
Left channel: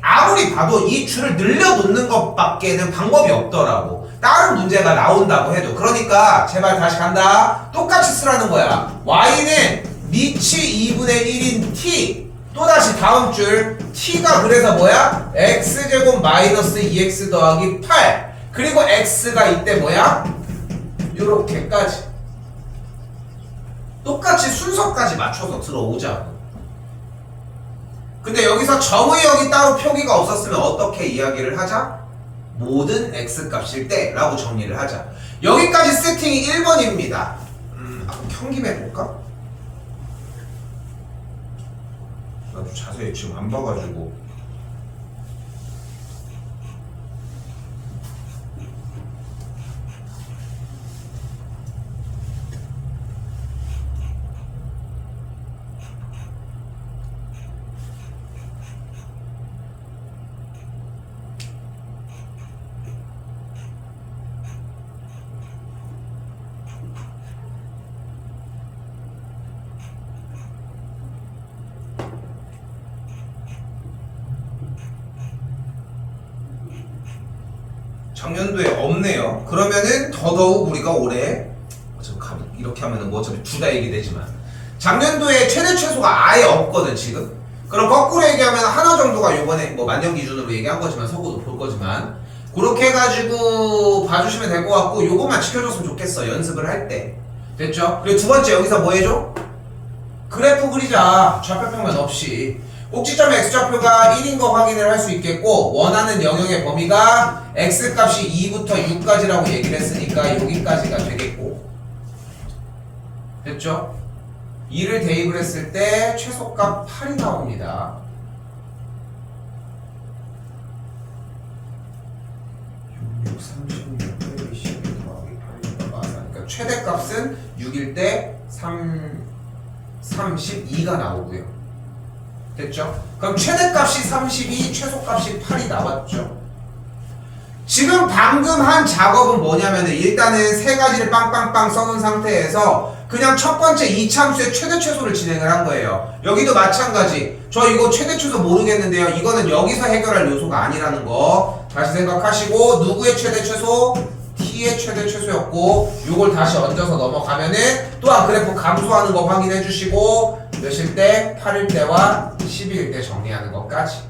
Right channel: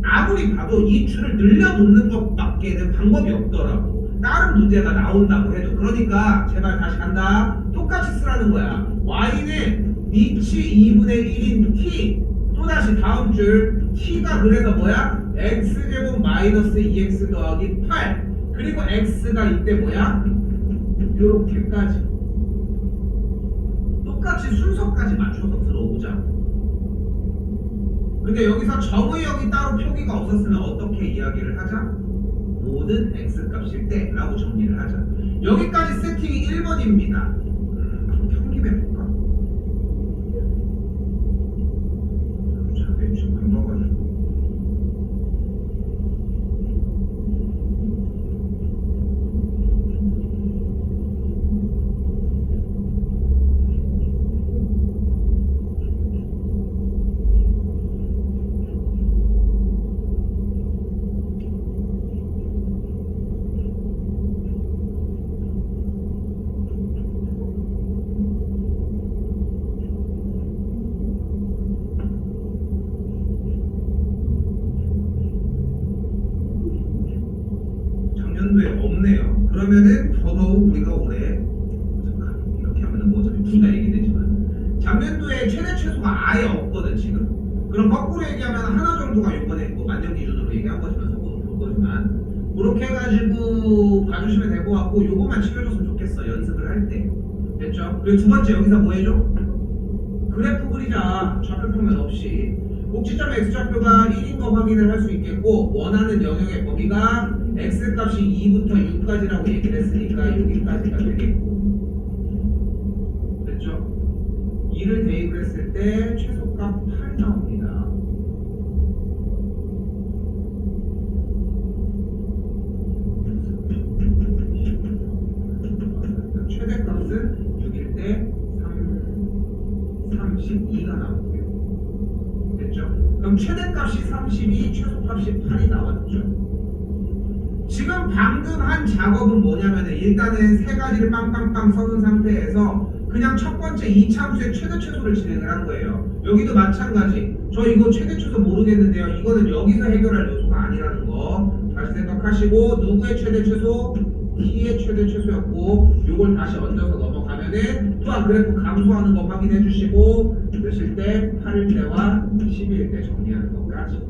아무리 봐도 이 줄을 늘려놓는 것밖에는 방법이 없더라고. 다른 문제가 나온다고 해도. 그러니까 제발 다시 간다. 똑같이 쓰라는 거야. y는 미치 2분의 1인 t 또다시 다음 줄 t가 그래서 뭐야? x제곱 마이너스 2x 더하기 8 그리고 x가 이때 뭐야? 요렇게까지 똑같이 순서까지 맞춰서 들어오자고. 근데 여기서 정의역이 따로 표기가 없었으면 어떻게 이야기를 하자? 모든 x값일 때 라고 정리를 하자. 여기까지 세팅이 1번입니다. 경김 해볼까? 나도 자세히 지금 안 봐가지고. 작년도에 없네요. 그러면은 더더욱 우리가 올해 이렇게 하면은 뭐 어차피 둘 다 얘기되지만 작년도에 최대 최소가 아예 없거든 지금. 그럼 거꾸로 얘기하면 하나 정도가 요번에 뭐 만년 기준으로 얘기한 거지만 서고도 볼 거지만 그렇게 해가지고 봐주시면 될 것 같고 요것만 지켜줬으면 좋겠어 연습을 할 때. 됐죠? 그리고 두 번째 여기서 뭐 해줘? 그래프 그리자. 좌표평면 없이. 꼭지점의 x좌표가 1인 거 확인을 할 수 있겠고 원하는 영역의 범위가 x값이 2부터 6까지라고 얘기를 했으니까 여기까지가 되겠고 됐죠? 2를 대입을 했을 때 최소값 8이 나옵니다. 그러니까 최대값은 6일 때 32가 나오고요. 됐죠? 그럼 최대값이 32, 최소값이 8이 나왔죠. 지금 방금 한 작업은 뭐냐면은 일단은 세 가지를 빵빵빵 써놓은 상태에서 그냥 첫 번째 이참수의 최대 최소를 진행을 한 거예요. 여기도 마찬가지. 저 이거 최대 최소 모르겠는데요. 이거는 여기서 해결할 요소가 아니라는 거 다시 생각하시고 누구의 최대 최소? t의 최대 최소였고 요걸 다시 얹어서 넘어가면은 또한 그래프 감소하는 거 확인해 주시고 몇일 때? 8일 때와 12일 때 정리하는 것까지.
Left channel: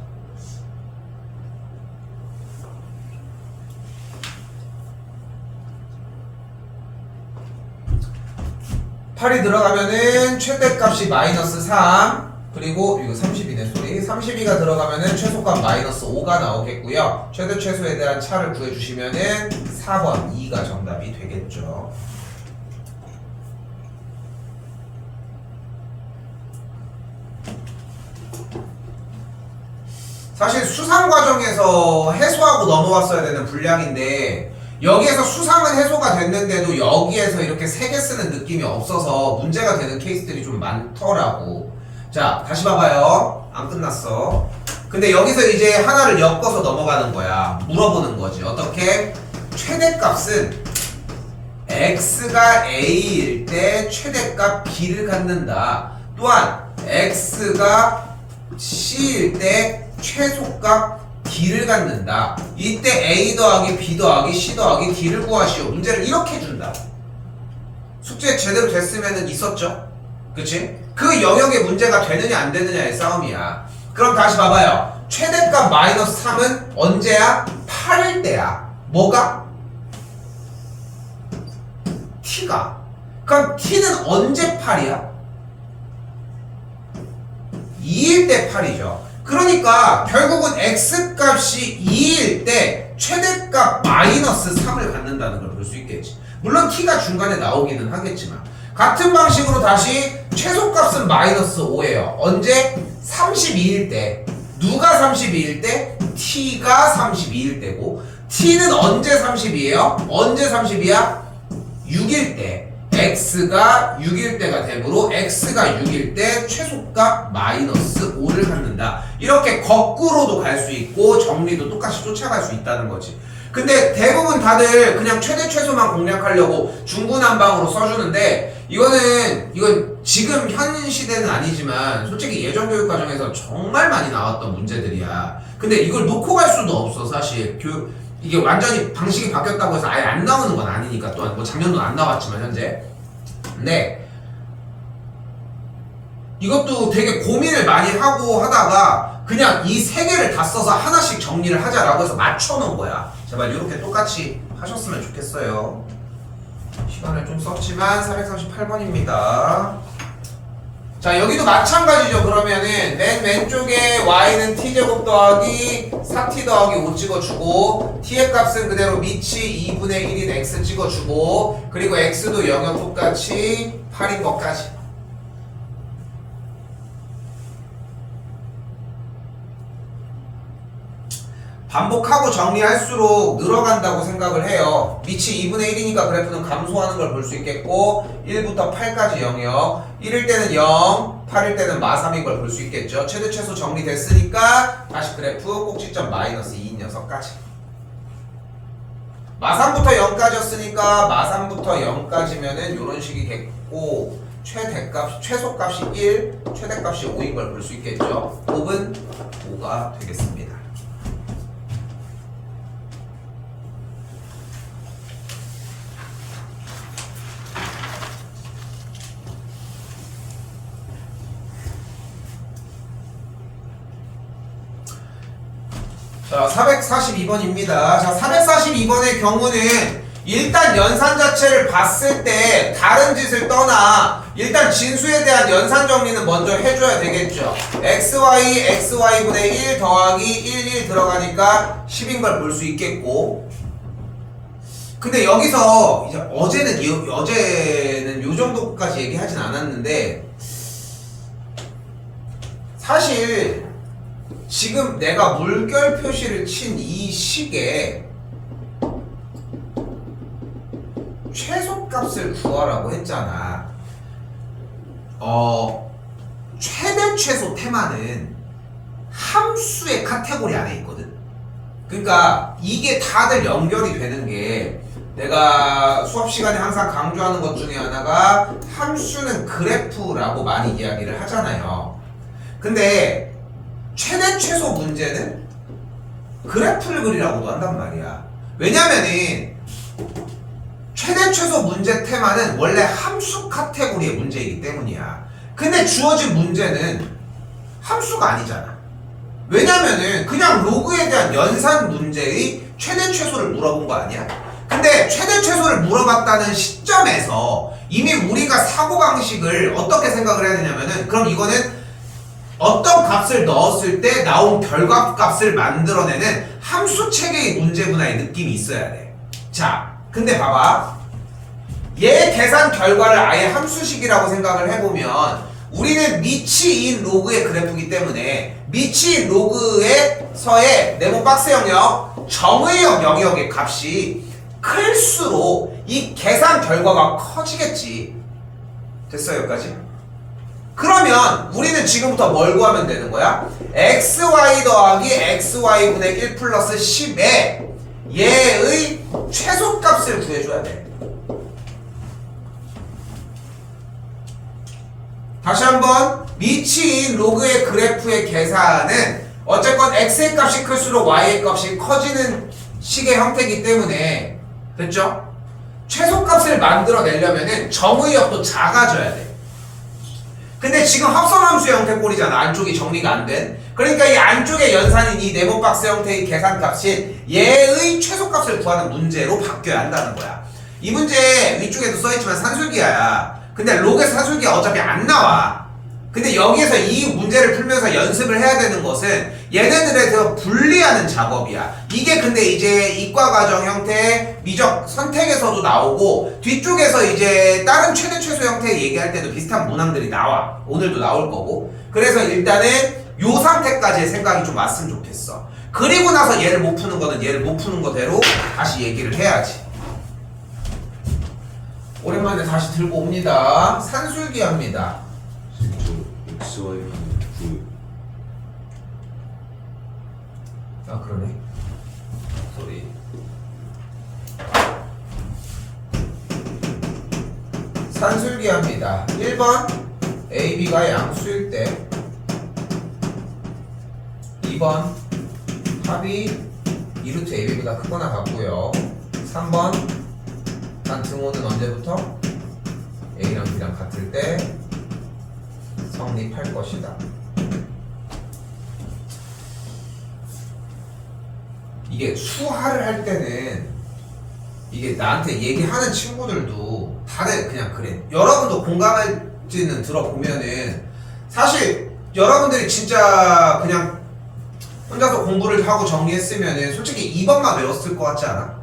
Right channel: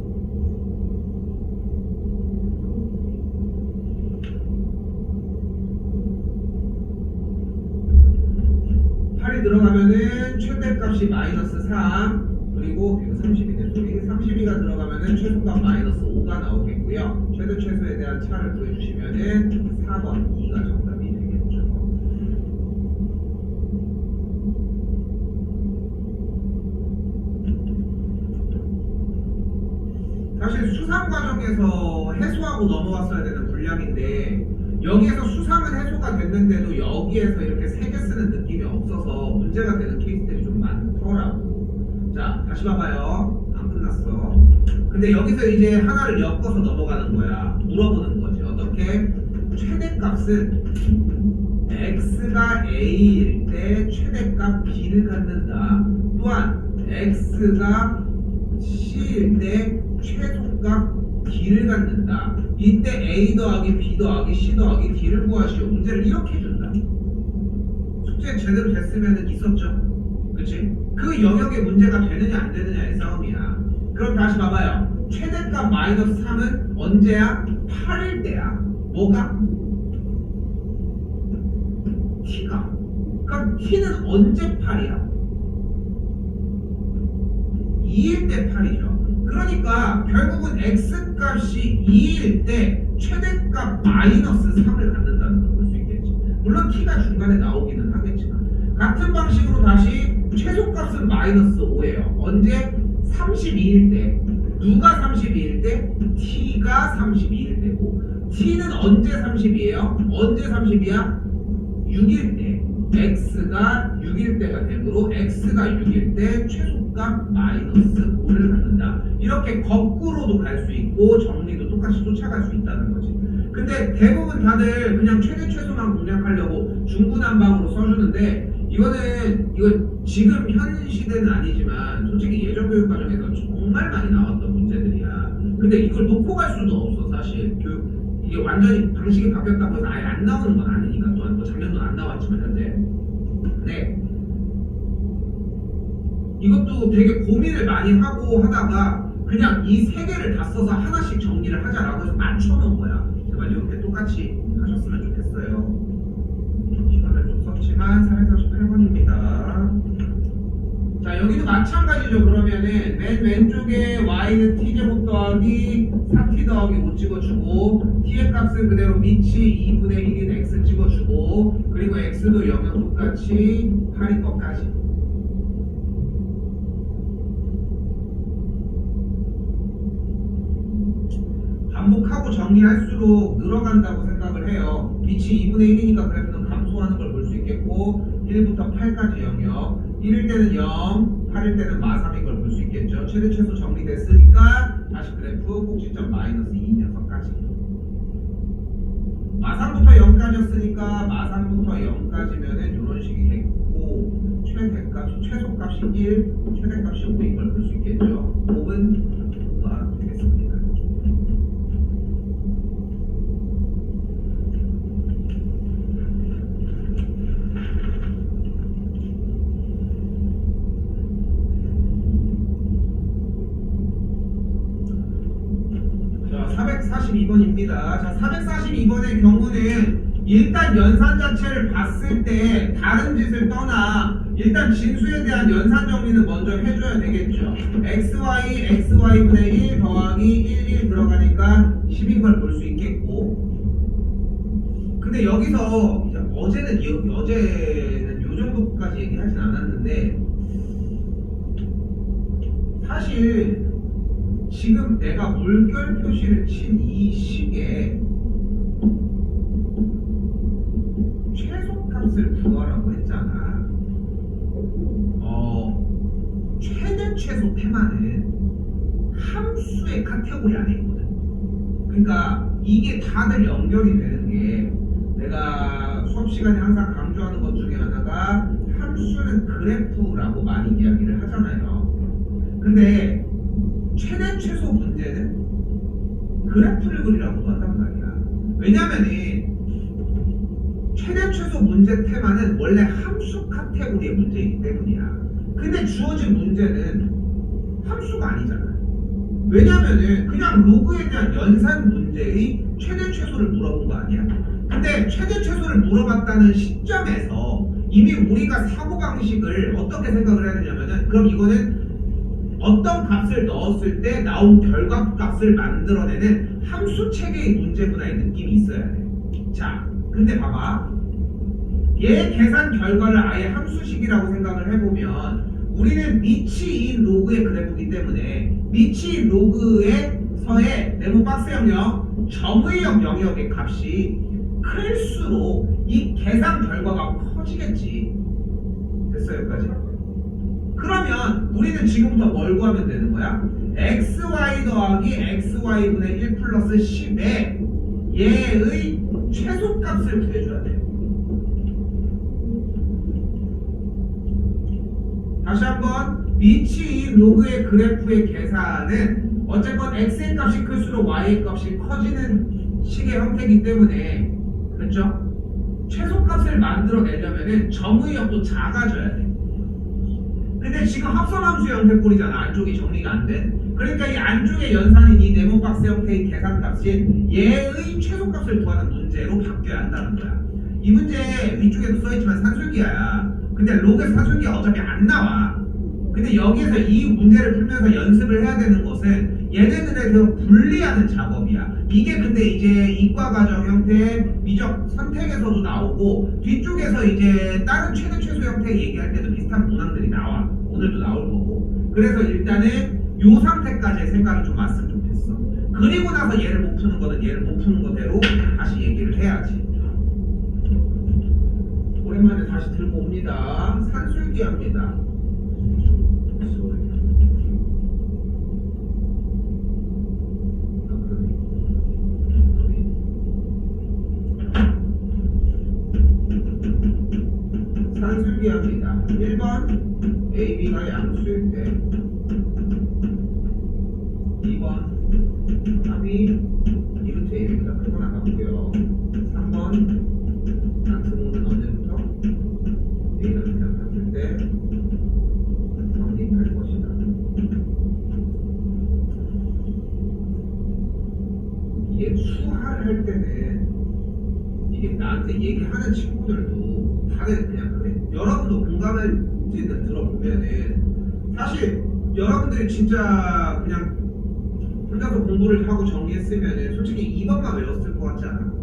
(8이) 들어가면은 최대값이 마이너스 3 그리고 이거 32네 소리 32가 들어가면은 최소값 마이너스 5가 나오겠고요. 최대 최소에 대한 차를 구해주시면은 4번 2가 정답이 되겠죠. 사실 수상 과정에서 해소하고 넘어왔어야 되는 분량인데 여기에서 수상은 해소가 됐는데도 여기에서 이렇게 3개 쓰는 느낌이 없어서 문제가 되는 케이스들이 좀 많더라고. 자 다시 봐봐요. 안 끝났어. 근데 여기서 이제 하나를 엮어서 넘어가는 거야. 물어보는 거지. 어떻게? 최대값은 x가 a일 때 최대값 b를 갖는다. 또한 x가 c일 때 최소값 d를 갖는다. 이때 a 더하기 b 더하기 c 더하기 d를 구하시오. 문제를 이렇게 준다. 숙제 제대로 됐으면 있었죠. 그치? 그 영역에 문제가 되느냐 안 되느냐의 싸움이야. 그럼 다시 봐봐요. 최대값 마이너스 3은 언제야? 8일 때야. 뭐가? t가. 그럼 t는 언제 8이야? 2일 때 8이죠. 그러니까 결국은 x값이 2일 때 최대값 마이너스 3을 갖는다는 걸 볼 수 있겠지. 물론 t가 중간에 나오기는 하겠지만 같은 방식으로 다시 최소값은 마이너스 5예요. 언제? 32일 때. 누가 32일 때? t가 32일 때고 t는 언제 32예요? 언제 32야? 6일 때. x가 6일 때가 되므로 x가 6일 때 최소값 마이너스 5를 갖는다. 이렇게 거꾸로도 갈 수 있고 정리도 똑같이 쫓아갈 수 있다는 거지. 근데 대부분 다들 그냥 최대 최소만 공략하려고 중구난방으로 써주는데 이건 지금 현 시대는 아니지만 솔직히 예전 교육 과정에서 정말 많이 나왔던 문제들이야. 근데 이걸 놓고 갈 수도 없어 사실. 이게 완전히 방식이 바뀌었다고 해서 아예 안 나오는 건 아니니까. 또한 뭐 작년도 안 나왔지만 현재. 근데 이것도 되게 고민을 많이 하고 하다가 그냥 이 세 개를 다 써서 하나씩 정리를 하자라고 해서 맞춰놓은 거야. 제발 이렇게 똑같이 하셨으면 좋겠어요. 시간을 좀 썼지만 438번입니다. 자, 여기도 마찬가지죠. 그러면은 맨 왼쪽에 y는 t제곱 더하기 4t 더하기 5 찍어주고 t의 값은 그대로 밑이 2분의 1인 x 찍어주고 그리고 x도 영역 똑같이 8인 것까지. 반복하고 정리할수록 늘어간다고 생각을 해요. 밑이 2분의 1이니까 그래프는 감소하는 걸 볼 수 있겠고 1부터 8까지 영역 1일 때는 0, 8일 때는 마3인 걸 볼 수 있겠죠. 최대 최소 정리됐으니까 다시 그래프 꼭지점 마이너스 2인 녀석까지. 마3부터 0까지였으니까 마3부터 0까지면은 이런 식이겠고 최소값이 1, 최대값이 5인 걸 볼 수 있겠죠. 곱은 5가 되겠습니다. 자, 442번입니다. 자, 442번의 경우는 일단 연산 자체를 봤을 때 다른 짓을 떠나 일단 진수에 대한 연산 정리는 먼저 해줘야 되겠죠. xy분의 1 더하기 1 들어가니까 10인 걸 볼 수 있겠고 근데 여기서 이제 어제는 요 정도까지 얘기하진 않았는데 사실 지금 내가 물결 표시를 친 이 식에 최소값을 구하라고 했잖아. 최대 최소 테마는 함수의 카테고리 안에 있거든. 그러니까 이게 다들 연결이 되는 게 내가 수업 시간에 항상 강조하는 것 중에 하나가 함수는 그래프라고 많이 이야기를 하잖아요. 근데 최대 최소 문제는 그래프를 그리라고도 한단 말이야. 왜냐면은 최대 최소 문제 테마는 원래 함수 카테고리의 문제이기 때문이야. 근데 주어진 문제는 함수가 아니잖아. 왜냐면은 그냥 로그에 대한 연산 문제의 최대 최소를 물어본 거 아니야? 근데 최대 최소를 물어봤다는 시점에서 이미 우리가 사고방식을 어떻게 생각을 해야 되냐면은 그럼 이거는 어떤 값을 넣었을 때 나온 결과값을 만들어내는 함수 체계의 문제구나의 느낌이 있어야 돼. 자, 근데 봐봐. 얘 계산 결과를 아예 함수식이라고 생각을 해보면 우리는 미치인 로그의 그래프이기 때문에 미치인 로그에서의 네모 박스 영역, 정의역 영역의 값이 클수록 이 계산 결과가 커지겠지. 됐어요, 여기까지? 그러면 우리는 지금부터 뭘 구하면 되는 거야? xy 더하기 xy분의 1 플러스 10에 얘의 최소값을 구해줘야 돼. 다시 한번 미치인 로그의 그래프의 계산은 어쨌건 x의 값이 클수록 y의 값이 커지는 식의 형태이기 때문에 됐죠? 최소값을 만들어내려면 정의역도 작아져야 돼. 근데 지금 합성함수 형태 꼴이잖아. 안쪽이 정리가 안 된. 그러니까 이 안쪽에 연산인 이 네모박스 형태의 계산값이 얘의 최소값을 구하는 문제로 바뀌어야 한다는 거야. 이 문제 위쪽에도 써있지만 산술기야. 근데 로그에서 산술기가 어차피 안 나와. 근데 여기에서 이 문제를 풀면서 연습을 해야 되는 것은 얘네들에 대해서 분리하는 작업이야. 이게 근데 이제 이과과정 형태 미적 선택에서도 나오고 뒤쪽에서 이제 다른 최대 최소 형태 얘기할 때도 비슷한 문항들이 나와. 오늘도 나올 거고. 그래서 일단은 요 상태까지의 생각이 좀 왔으면 좋겠어. 그리고 나서 얘를 못 푸는 거는 얘를 못 푸는 거대로 다시 얘기를 해야지. 오랜만에 다시 들고 옵니다. 산술기합니다. 아, 그러네. 소리. 산술기합니다. 1번 AB가 양수일 때 2번 합이 2루트 AB보다 크거나 같고요. 3번 단 등호는 언제부터? A랑 B랑 같을 때 성립할 것이다. 이게 수하를 할 때는 이게 나한테 얘기하는 친구들도 다들 그냥 그래. 여러분도 공감할지는 들어보면은 사실 여러분들이 진짜 그냥 혼자서 공부를 하고 정리했으면은 솔직히 2번만 외웠을 것 같지 않아?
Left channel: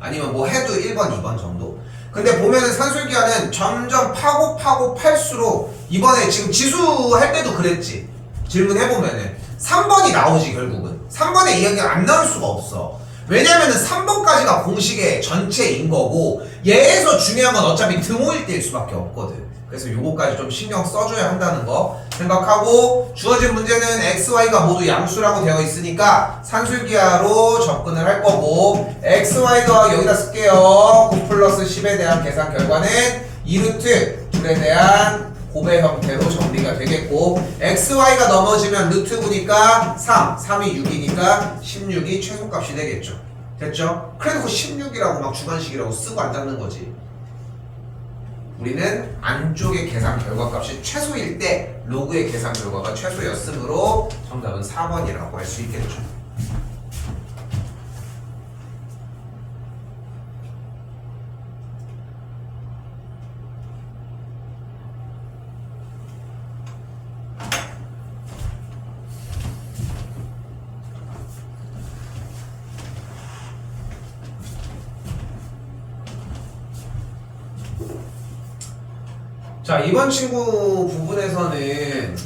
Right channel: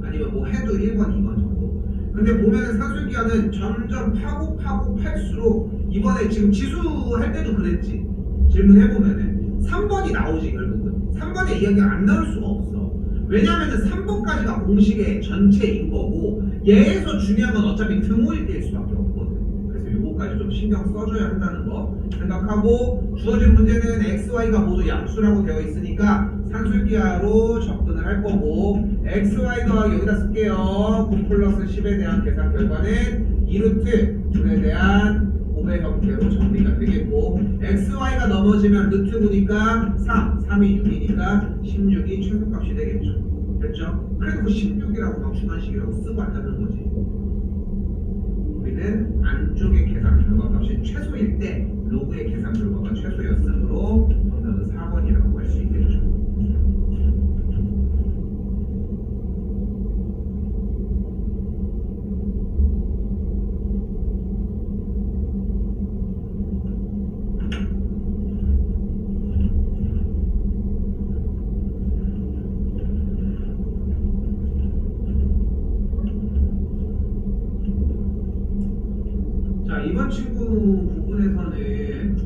아니면 뭐 해도 1번, 2번 정도? 근데 보면은 산술기하는 점점 파고 팔수록 이번에 지금 지수할 때도 그랬지. 질문해보면은 3번이 나오지 결국은. 3번에 이야기가 안 나올 수가 없어. 왜냐면은 3번까지가 공식의 전체인 거고 얘에서 중요한 건 어차피 등호일대일 수밖에 없거든. 그래서 요거까지 좀 신경 써줘야 한다는 거 생각하고 주어진 문제는 x, y가 모두 양수라고 되어 있으니까 산술기하로 접근을 할 거고 x, y 더하기 여기다 쓸게요. 9 플러스 10에 대한 계산 결과는 2루트 2에 대한 곱의 형태로 정리가 되겠고 x, y가 넘어지면 루트 9니까 3, 3이 6이니까 16이 최소값이 되겠죠. 됐죠? 그래도 16이라고 막 주관식이라고 쓰고 안 잡는 거지. 우리는 안쪽의 계산 결과값이 최소일 때 로그의 계산 결과가 최소였으므로 정답은 4번이라고 할 수 있겠죠. 자, 이번 친구 부분에서는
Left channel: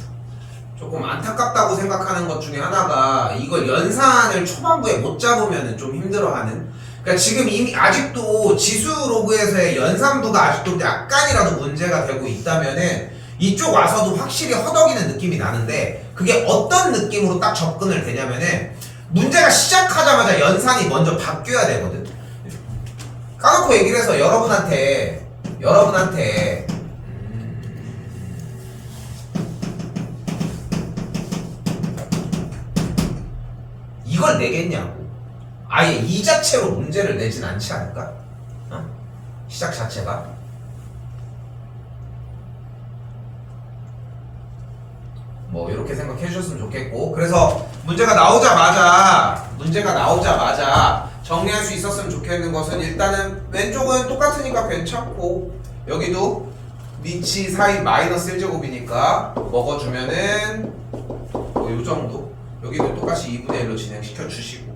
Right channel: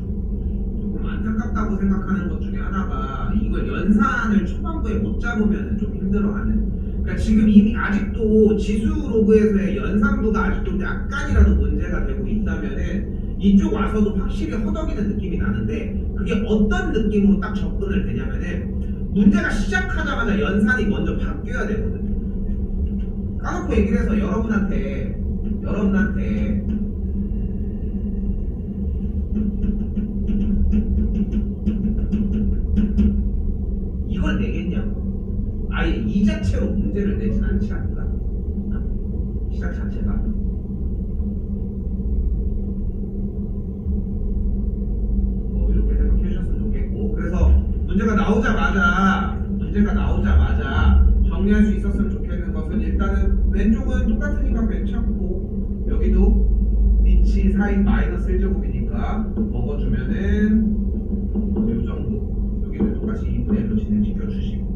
조금 안타깝다고 생각하는 것 중에 하나가 이걸 연산을 초반부에 못 잡으면 좀 힘들어하는. 그러니까 지금 이미 아직도 지수 로그에서의 연산부가 아직도 약간이라도 문제가 되고 있다면은 이쪽 와서도 확실히 허덕이는 느낌이 나는데 그게 어떤 느낌으로 딱 접근을 되냐면은 문제가 시작하자마자 연산이 먼저 바뀌어야 되거든. 까놓고 얘기를 해서 여러분한테 이걸 내겠냐고. 아예 이 자체로 문제를 내진 않지 않을까? 어? 시작 자체가. 뭐 이렇게 생각해 주셨으면 좋겠고 그래서 문제가 나오자마자 정리할 수 있었으면 좋겠는 것은 일단은 왼쪽은 똑같으니까 괜찮고 여기도 위치 4인 마이너스 1제곱이니까 먹어주면은 뭐 요정도 여기도 똑같이 2분의 1로 진행시켜 주시고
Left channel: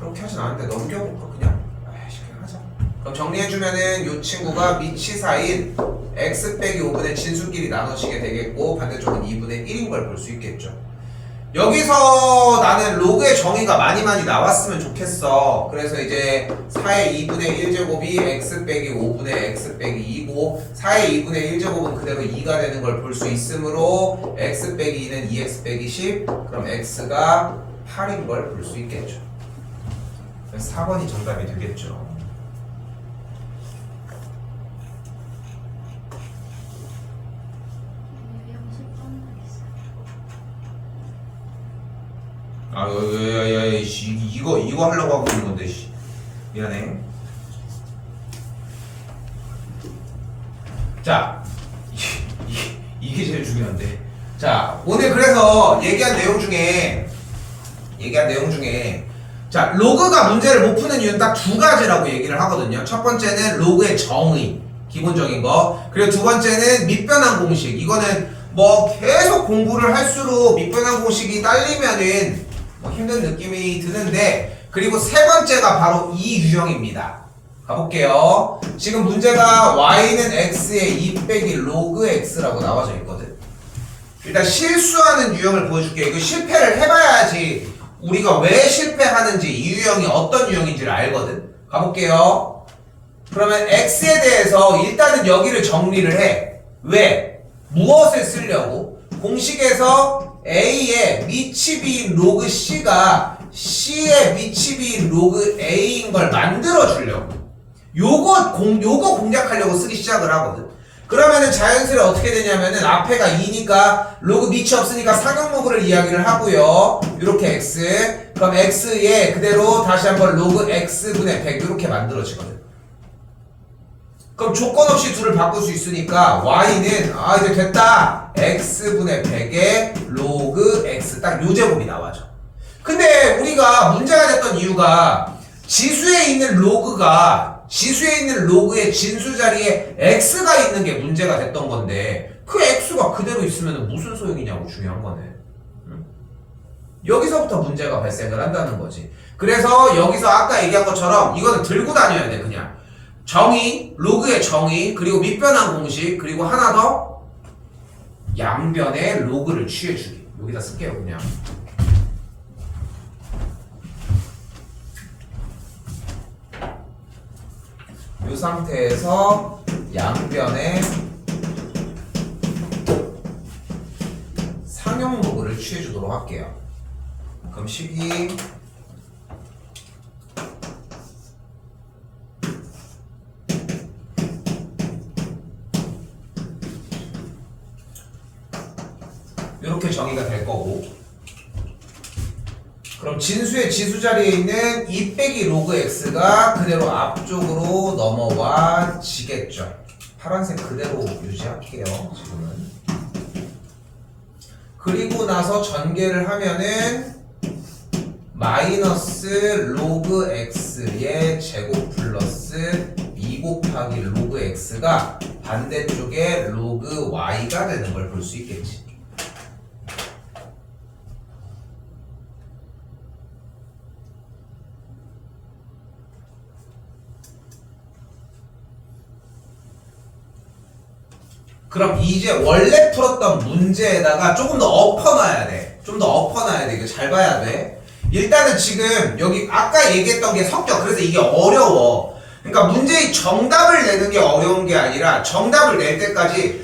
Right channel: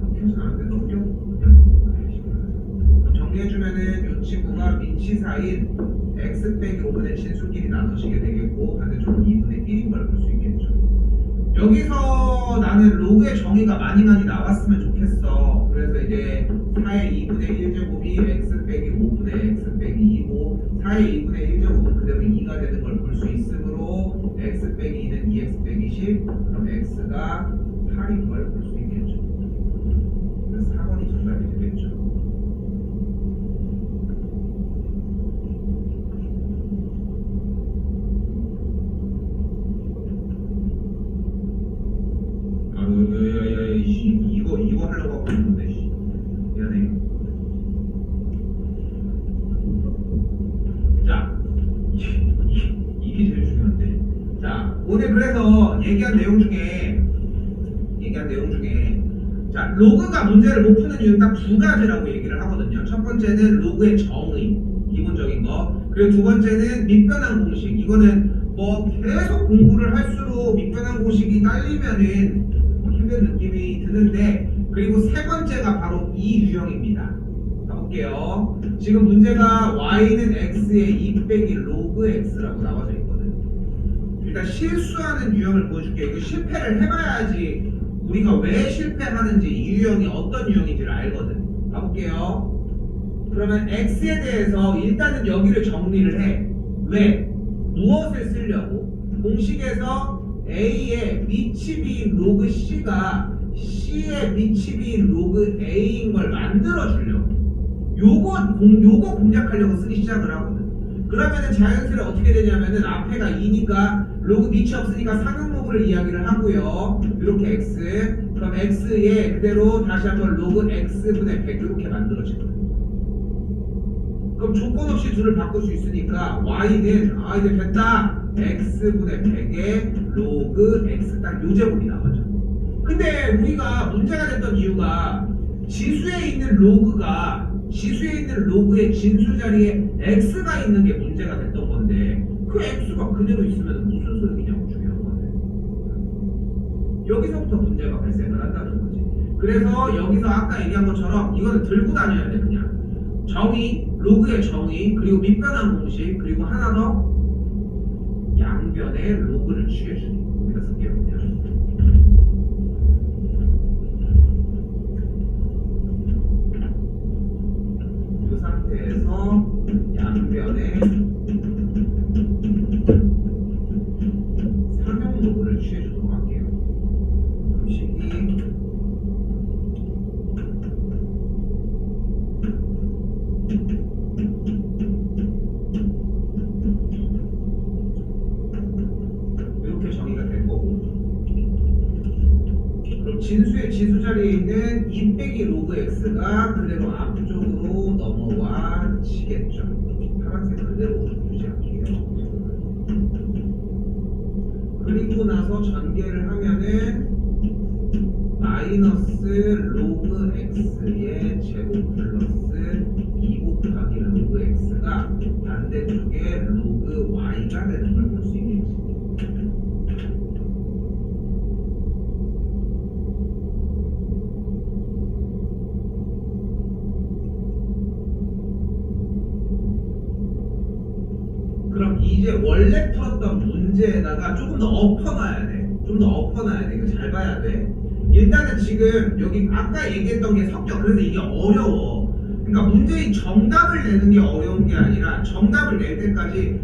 그렇게 하진 않는데 넘겨볼까 그냥? 그냥 하자. 그럼 정리해주면은 요 친구가 위치 4인 x 빼기 5분의 진수끼리 나눠지게 되겠고 반대쪽은 2분의 1인 걸 볼 수 있겠죠. 여기서 나는 로그의 정의가 많이 나왔으면 좋겠어. 그래서 이제 4의 2분의 1제곱이 x 빼기 5분의 x 빼기 2고 4의 2분의 1제곱은 그대로 2가 되는 걸 볼 수 있으므로 x 빼기 2는 2x 빼기 10 그럼 x가 8인 걸 볼 수 있겠죠. 그래서 4번이 정답이 되겠죠. 야야야 이거 하려고 하고 있는 건데 미안해. 자 이게 제일 중요한데. 자 오늘 그래서 얘기한 내용 중에 자 로그가 문제를 못 푸는 이유는 딱 두 가지라고 얘기를 하거든요. 첫 번째는 로그의 정의 기본적인 거, 그리고 두 번째는 밑변환 공식. 이거는 뭐 계속 공부를 할수록 밑변환 공식이 딸리면은 힘든 느낌이 드는데, 그리고 세 번째가 바로 이 유형입니다. 가볼게요. 지금 문제가 y는 x의 2 빼기 로그 x라고 나와져 있거든. 일단 실수하는 유형을 보여줄게요. 이거 실패를 해봐야지 우리가 왜 실패하는지, 이 유형이 어떤 유형인지를 알거든. 가볼게요. 그러면 x에 대해서 일단은 여기를 정리를 해. 왜? 무엇을 쓰려고? 공식에서 a의 미치비인 로그 c가 c의 미치비인 로그 a인 걸 만들어 주려고. 요거 공략하려고 쓰기 시작을 하거든. 그러면은 자연스레 어떻게 되냐면은 앞에가 2니까 로그 밑이 없으니까 상용로그를 이야기를 하고요. 요렇게 x, 그럼 x에 그대로 다시 한번 로그 x분의 100 이렇게 만들어지거든. 그럼 조건 없이 둘을 바꿀 수 있으니까 y는 이제 됐다. x분의 100의 로그 x 딱 요 제곱이 나와죠. 근데 우리가 문제가 됐던 이유가 지수에 있는 로그의 진수 자리에 x가 있는 게 문제가 됐던 건데 그 x가 그대로 있으면 무슨 소용이냐고 중요한 거네. 여기서부터 문제가 발생을 한다는 거지. 그래서 여기서 아까 얘기한 것처럼 이거는 들고 다녀야 돼. 그냥 정의, 로그의 정의, 그리고 밑변환 공식, 그리고 하나 더 양변의 로그를 취해주기. 여기다 쓸게요. 그냥 이 상태에서 양변의 상형 로그를 취해주도록 할게요. 그럼 12 이렇게 정의가 될 거고, 그럼 진수의 지수 자리에 있는 2 빼기 로그 x가 그대로 앞쪽으로 넘어와 지겠죠. 파란색 그대로 유지할게요. 지금은. 그리고 나서 전개를 하면은 마이너스 로그 x의 제곱 플러스 2 곱하기 로그 x가 반대쪽에 로그 y가 되는 걸 볼 수 있겠지. 그럼 이제 원래 풀었던 문제에다가 조금 더 엎어놔야 돼. 좀 더 엎어놔야 돼. 이거 잘 봐야 돼. 일단은 지금 여기 아까 얘기했던 게 성격, 그래서 이게 어려워. 그러니까 문제의 정답을 내는 게 어려운 게 아니라 정답을 낼 때까지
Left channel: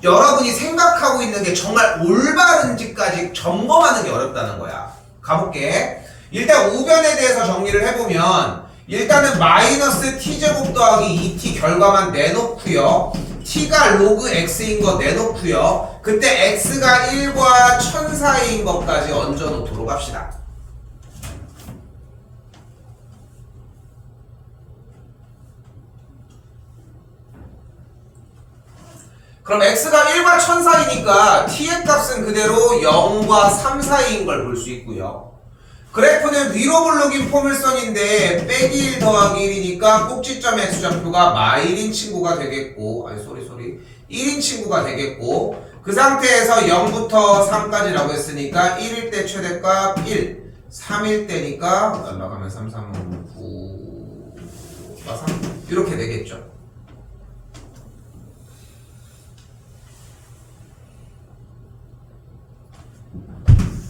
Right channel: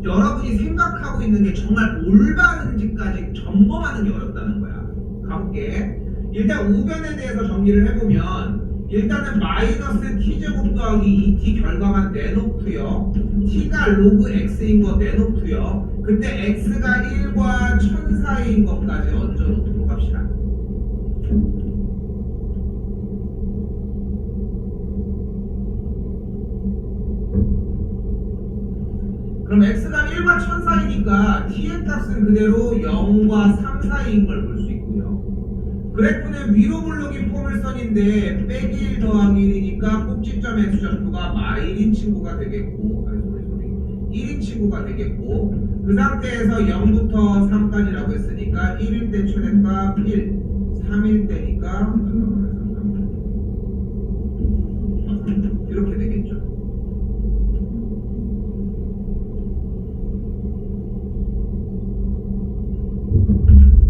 여러분이 생각하고 있는 게 정말 올바른지까지 점검하는 게 어렵다는 거야. 가볼게. 일단 우변에 대해서 정리를 해보면 일단은 마이너스 t제곱 더하기 2t 결과만 내놓고요. t가 로그 x인 거 내놓고요. 그때 x가 1과 1000 사이인 것까지 얹어놓도록 합시다. 그럼 x가 1과 1000 사이니까 t의 값은 그대로 0과 3 사이인 걸 볼 수 있고요. 그래프는 위로 블록인 포물선인데 빼기 1 더하기 1이니까 꼭지점의 수정표가 마일인 친구가 되겠고, 1인 친구가 되겠고, 그 상태에서 0부터 3까지라고 했으니까 1일 때 최대값 1, 3일 때니까 올라가면 3, 3, 9, 3 이렇게 되겠죠.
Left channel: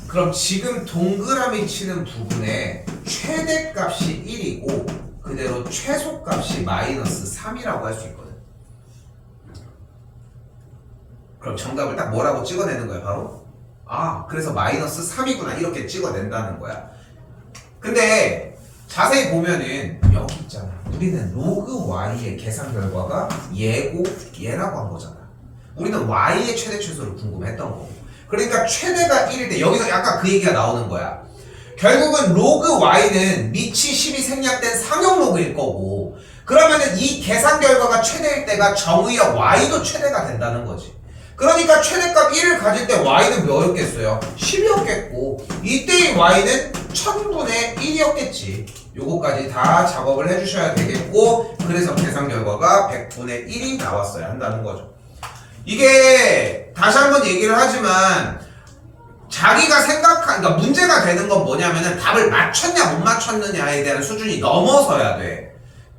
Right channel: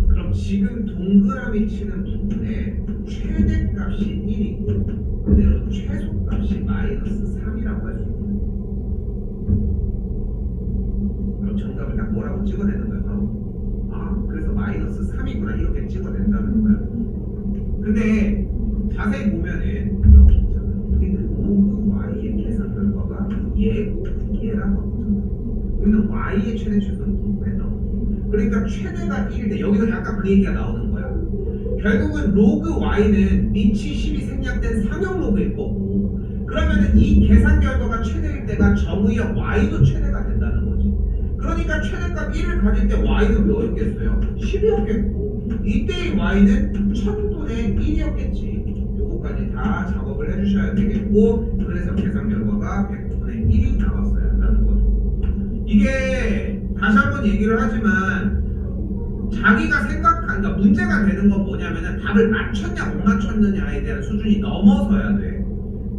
그럼 지금 동그라미 치는 부분에 최대값이 1이고 그대로 최소값이 마이너스 3이라고 할 수 있거든. 그럼 정답을 딱 뭐라고 찍어내는 거야? 바로 그래서 마이너스 3이구나 이렇게 찍어낸다는 거야. 근데 자세히 보면은 여기 있잖아. 우리는 로그 y의 계산 결과가 얘고 얘라고 한 거잖아. 우리는 y의 최대 최소를 궁금했던 거고, 그러니까 최대가 1일 때 여기서 약간 그 얘기가 나오는 거야. 결국은 로그 y는 밑이 10이 생략된 상형 로그일 거고, 그러면은 이 계산 결과가 최대일 때가 정의역 y도 최대가 된다는 거지. 그러니까 최대값 1을 가질 때 y는 몇이었겠어요? 10이었겠고 이때의 y는 1000분의 1이었겠지. 요거까지 다 작업을 해주셔야 되겠고, 그래서 계산 결과가 100분의 1이 나왔어야 한다는 거죠. 이게 다시 한번 얘기를 하지만 자기가 그러니까 문제가 되는 건 뭐냐면은 답을 맞췄냐 못 맞췄느냐에 대한 수준이 넘어서야 돼.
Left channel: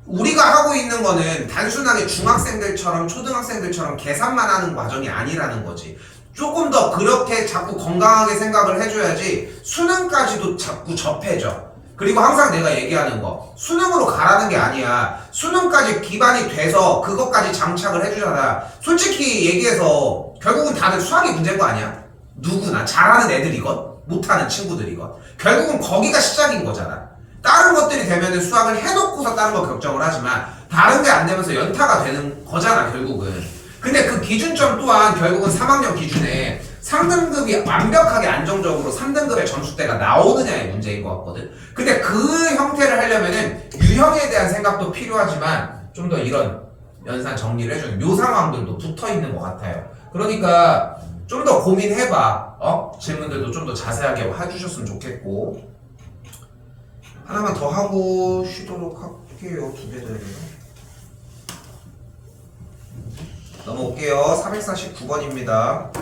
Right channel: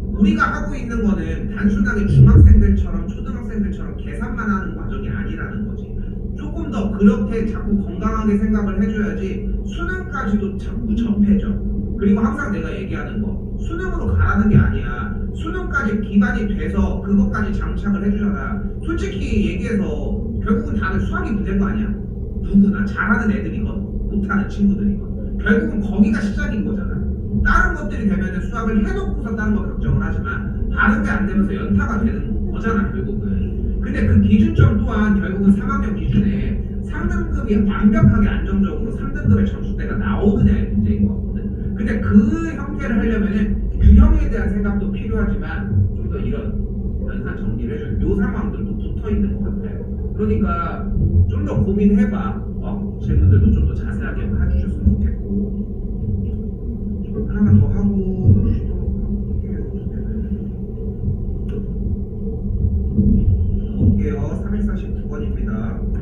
우리가 하고 있는 거는 단순하게 중학생들처럼 초등학생들처럼 계산만 하는 과정이 아니라는 거지. 조금 더 그렇게 자꾸 건강하게 생각을 해줘야지 수능까지도 자꾸 접해져. 그리고 항상 내가 얘기하는 거, 수능으로 가라는 게 아니야. 수능까지 기반이 돼서 그것까지 장착을 해주잖아. 솔직히 얘기해서 결국은 다들 수학이 문제인 거 아니야. 누구나 잘하는 애들이건 못하는 친구들이건 결국은 거기가 시작인 거잖아. 다른 것들이 되면은 수학을 해놓고서 다른 거 결정을 하지만 다른 게 안 되면서 연타가 되는 거잖아 결국은. 근데 그 기준점 또한 결국은 3학년 기준에 상등급이 완벽하게 안정적으로 3등급의 점수대가 나오느냐의 문제인 것 같거든. 근데 그 형태를 하려면은 유형에 대한 생각도 필요하지만 좀 더 이런 연산 정리를 해주는 요 상황들도 붙어 있는 것 같아요. 그러니까 좀 더 고민해봐. 질문들도 좀 더 자세하게 해주셨으면 좋겠고. 하나만 더 하고 쉬도록 할게요. 두 개는 넘어올게요. 3149번입니다.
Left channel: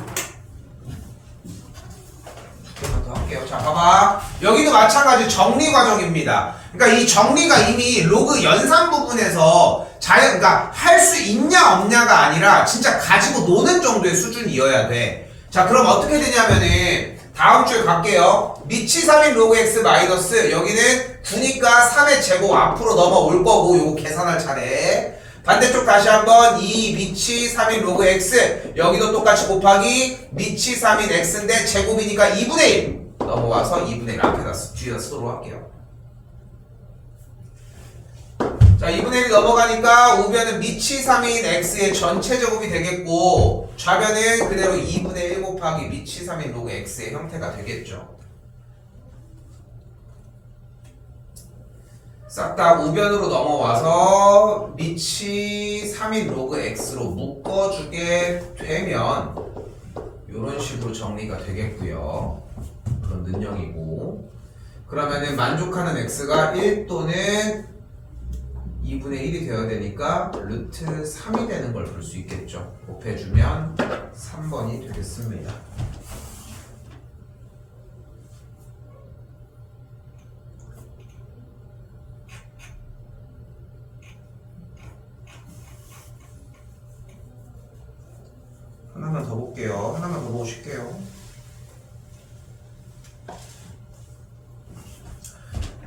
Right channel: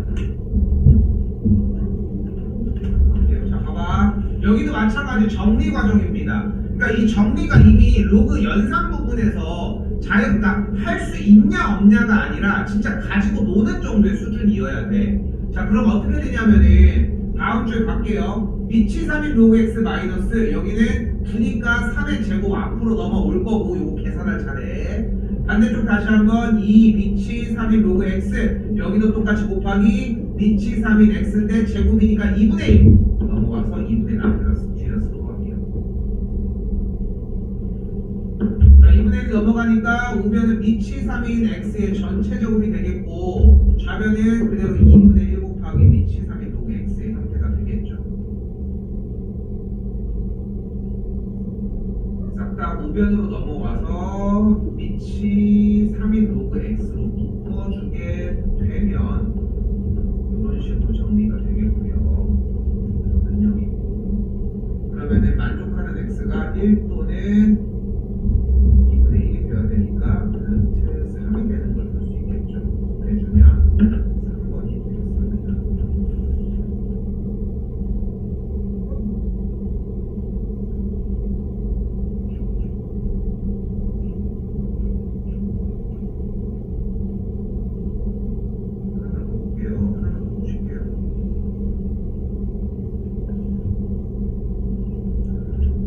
두 개만 더 할게요. 자, 봐봐. 여기도 마찬가지 정리 과정입니다. 그러니까 이 정리가 이미 로그 연산 부분에서 그러니까 할 수 있냐 없냐가 아니라 진짜 가지고 노는 정도의 수준이어야 돼. 자, 그럼 어떻게 되냐면은 다음 주에 갈게요. 미치 3인 로그 x 마이너스 여기는 9니까 3의 제곱 앞으로 넘어올 거고 요거 계산할 차례. 반대쪽 다시 한번 2 미치 3인 로그 x 여기도 똑같이 곱하기 미치 3인 x인데 제곱이니까 2분의 1 넘어와서 2분의 1 앞에다 뒤에다 쓰도록 할게요. 자, 2분의 1 넘어가니까 우변은 미치 3인 x의 전체 제곱이 되겠고 좌변은 그대로 2분의 1 곱하기 미치 3인 로그 x의 형태가 되겠죠. 싹 다 우변으로 넘어와서 미치 3인 로그 x로 묶어주게 되면 이런 식으로 정리가 되겠고요. 그런 능력이고 그러면은 만족하는 x가 1 또는 2분의 1이 되어야 되니까 루트 3이 되는 걸 볼 수 있겠죠. 곱해주면 3번이 되겠습니다. 하나만 더 볼게요. 하나만 더 보실게요.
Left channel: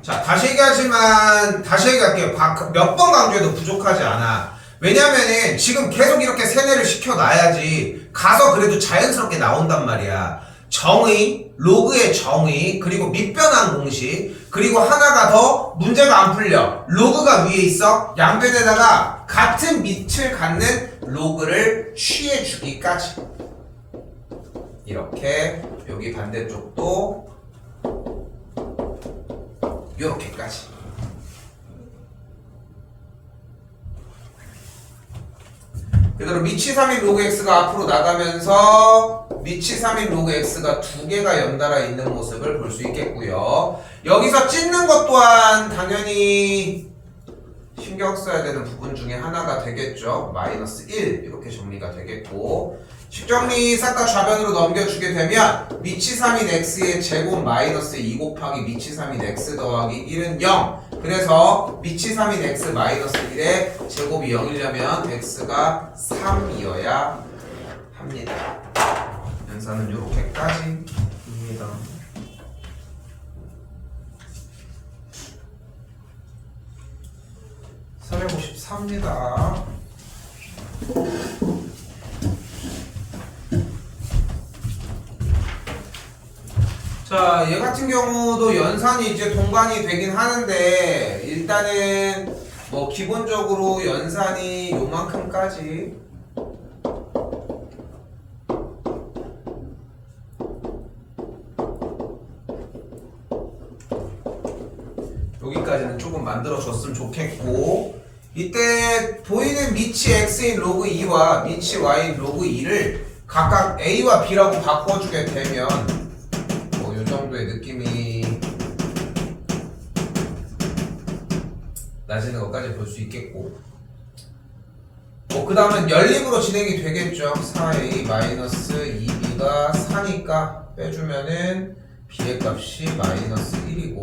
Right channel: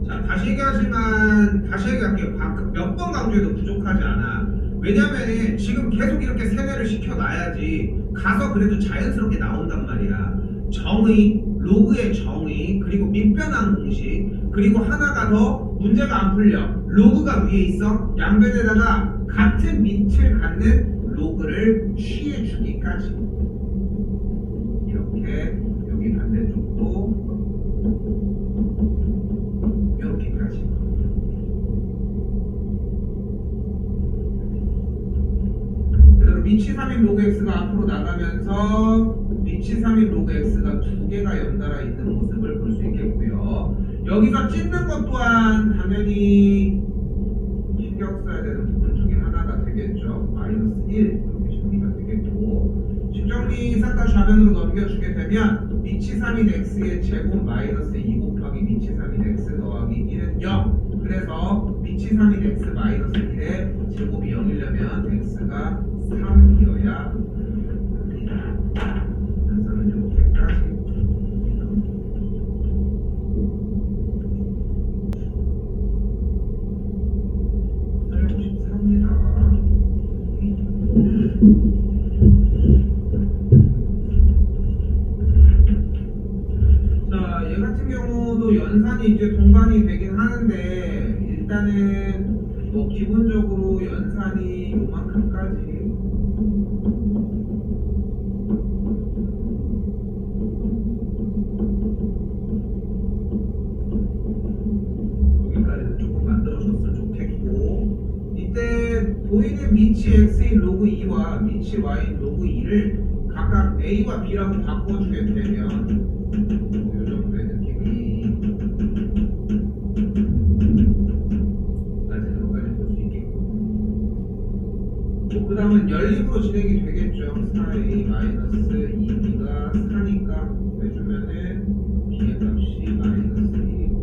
자, 다시 얘기할게요. 몇 번 강조해도 부족하지 않아. 왜냐면은 지금 계속 이렇게 세뇌를 시켜놔야지 가서 그래도 자연스럽게 나온단 말이야. 정의, 로그의 정의, 그리고 밑변환 공식, 그리고 하나가 더 문제가 안 풀려. 로그가 위에 있어. 양변에다가 같은 밑을 갖는 로그를 취해주기까지. 이렇게 여기 반대쪽도 요렇게까지. 그대로 미치 3인 로그 x가 앞으로 나가면서 미치 3인 로그 x가 두 개가 연달아 있는 모습을 볼 수 있겠고요. 여기서 찢는 것 또한 당연히 신경 써야 되는 부분 중에 하나가 되겠죠. 마이너스 1 이렇게 정리가 되겠고 식정리 싹 다 좌변으로 넘겨주게 되면 미치 3인 x의 제곱 마이너스 2 곱하기 미치 3인 x 더하기 1은 0. 그래서 미치 3인 x 마이너스 1의 제곱이 0이려면 x가 3이어야 합니다. 연산은 요렇게까지. 453입니다. 자, 얘 같은 경우도 연산이 이제 동반이 되긴 하는데 일단은 뭐 기본적으로 연산이 요만큼까지 여기까지는 조금 만들어줬으면 좋겠고 이때 보이는 미치 x인 로그 2와 미치 y인 로그 2를 각각 a와 b라고 바꿔주게 되면 정도의 느낌이 나지는 것까지 볼 수 있겠고 그 다음은 연립으로 진행이 되겠죠. 4a 마이너스 2b가 4니까 빼주면은 b의 값이 마이너스 1이고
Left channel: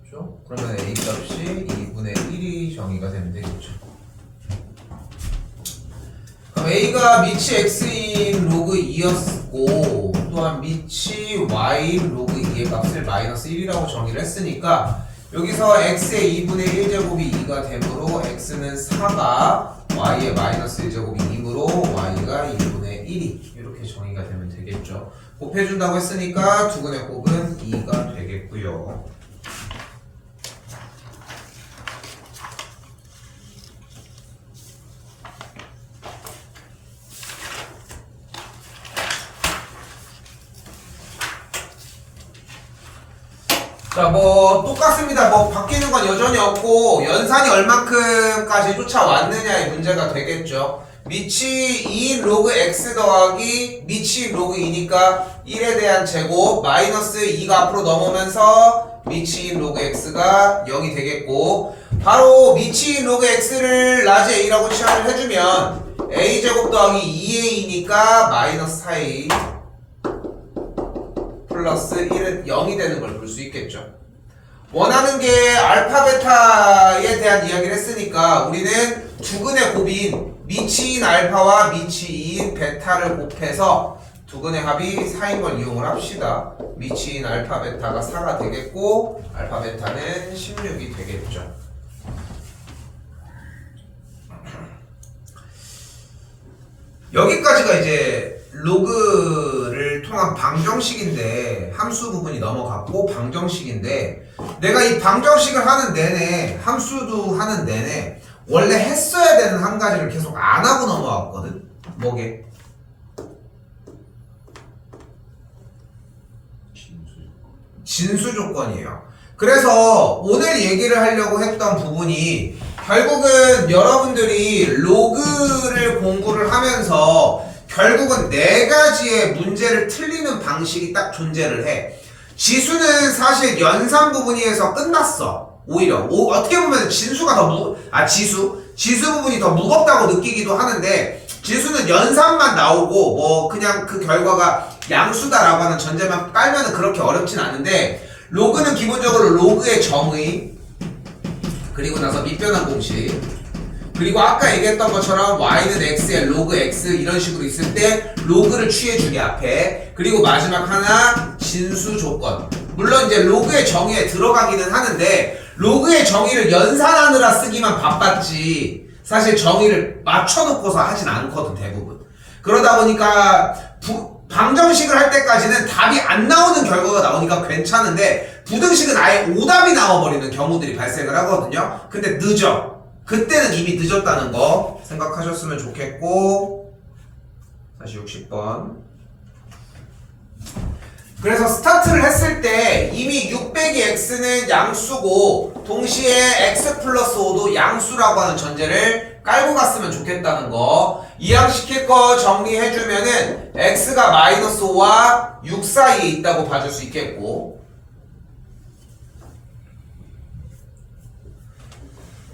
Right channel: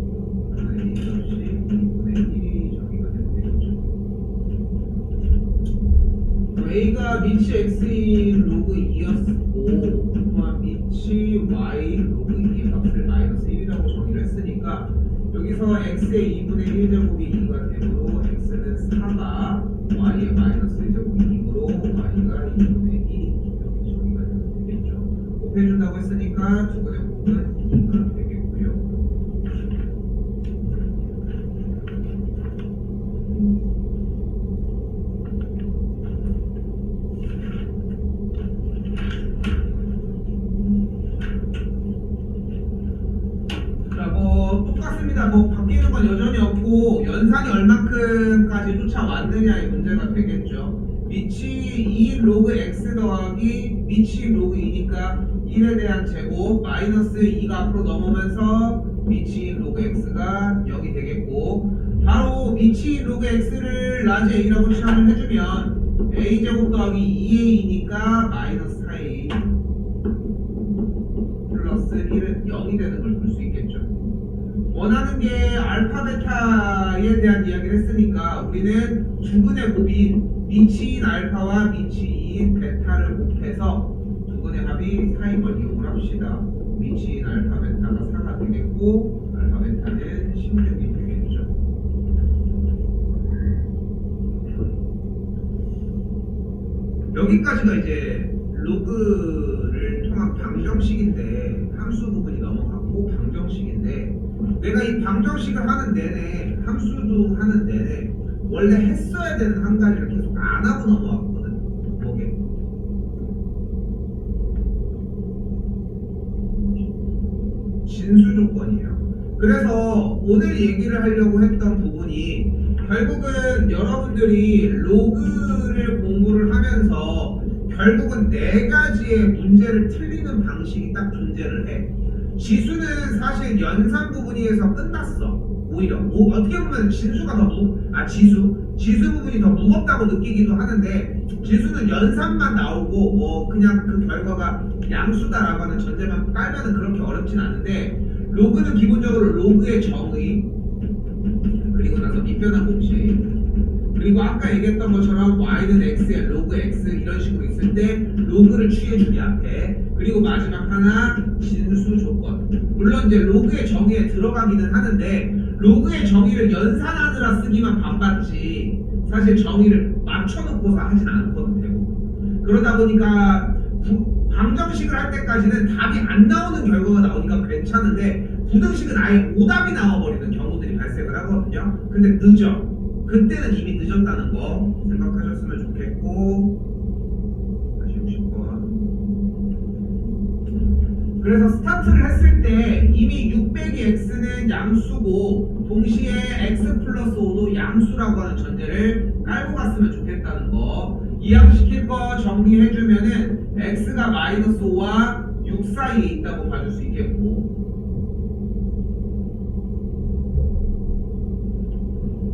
그렇죠? 그러면 a 값이 2분의 1이 정의가 되면 되겠죠. a가 미치 x인 로그 2였고 또한 미치 y인 로그 2의 값을 마이너스 1이라고 정의를 했으니까 여기서 x의 2분의 1제곱이 2가 되므로 x는 4가 y의 마이너스 1제곱이 2이므로 y가 2분의 1이 이렇게 정의가 되면 되겠죠. 곱해준다고 했으니까 두근의 곱은 2가 되겠고요. 자, 뭐 똑같습니다. 뭐 바뀌는 건 여전히 없고 연산이 얼만큼까지 쫓아왔느냐의 문제가 되겠죠. 미치 2인 로그 x 더하기 미치 로그 2니까 1에 대한 제곱 마이너스 2가 앞으로 넘어오면서 미치 2인 로그 x가 0이 되겠고, 바로 미치 2인 로그 x를 라지 a라고 치환을 해주면 a제곱 더하기 2a니까 마이너스 4a 플러스 1은 0이 되는 걸 볼 수 있겠죠. 원하는 게 알파 베타에 대한 이야기를 했으니까 우리는 두근의 곱인 미치인 알파와 미치인 베타를 곱해서 두근의 합이 4인 걸 이용을 합시다. 미치인 알파 베타가 4가 되겠고 알파 베타는 16이 되겠죠. 여기까지가 이제 로그를 통한 방정식인데, 함수 부분이 넘어갔고 방정식인데, 내가 이 방정식을 하는 내내, 함수도 하는 내내 원래 했어야 되는 한 가지를 계속 안 하고 넘어왔거든. 뭐게? 진수 조건이에요. 그래서 오늘 얘기를 하려고 했던 부분이 결국은 여러분들이 로그를 공부를 하면서 결국은 4가지의 문제를 틀리는 방식이 딱 존재를 해. 지수는 사실 연산 부분에서 끝났어. 오히려 어떻게 보면 진수가 더 지수 부분이 더 무겁다고 느끼기도 하는데, 지수는 연산만 나오고 뭐 그냥 그 결과가 양수다라고 하는 전제만 깔면은 그렇게 어렵진 않은데, 로그는 기본적으로 로그의 정의, 그리고 나서 밑변환 공식, 그리고 아까 얘기했던 것처럼 y는 x에 로그 x 이런 식으로 있을 때 로그를 취해주기 앞에, 그리고 마지막 하나 진수 조건. 물론 이제 로그의 정의에 들어가기는 하는데 로그의 정의를 연산하느라 쓰기만 바빴지 사실 정의를 맞춰놓고서 하진 않거든 대부분. 그러다 보니까 방정식을 할 때까지는 답이 안 나오는 결과가 나오니까 괜찮은데, 부등식은 아예 오답이 나와버리는 경우들이 발생을 하거든요. 근데 늦어. 그때는 이미 늦었다는 거 생각하셨으면 좋겠고, 다시 60번. 그래서 스타트를 했을 때 이미 6 빼기 x는 양수고 동시에 x 플러스 5도 양수라고 하는 전제를 깔고 갔으면 좋겠다는 거, 이항시킬 거 정리해주면은 x가 마이너스 5와 6 사이에 있다고 봐줄 수 있겠고,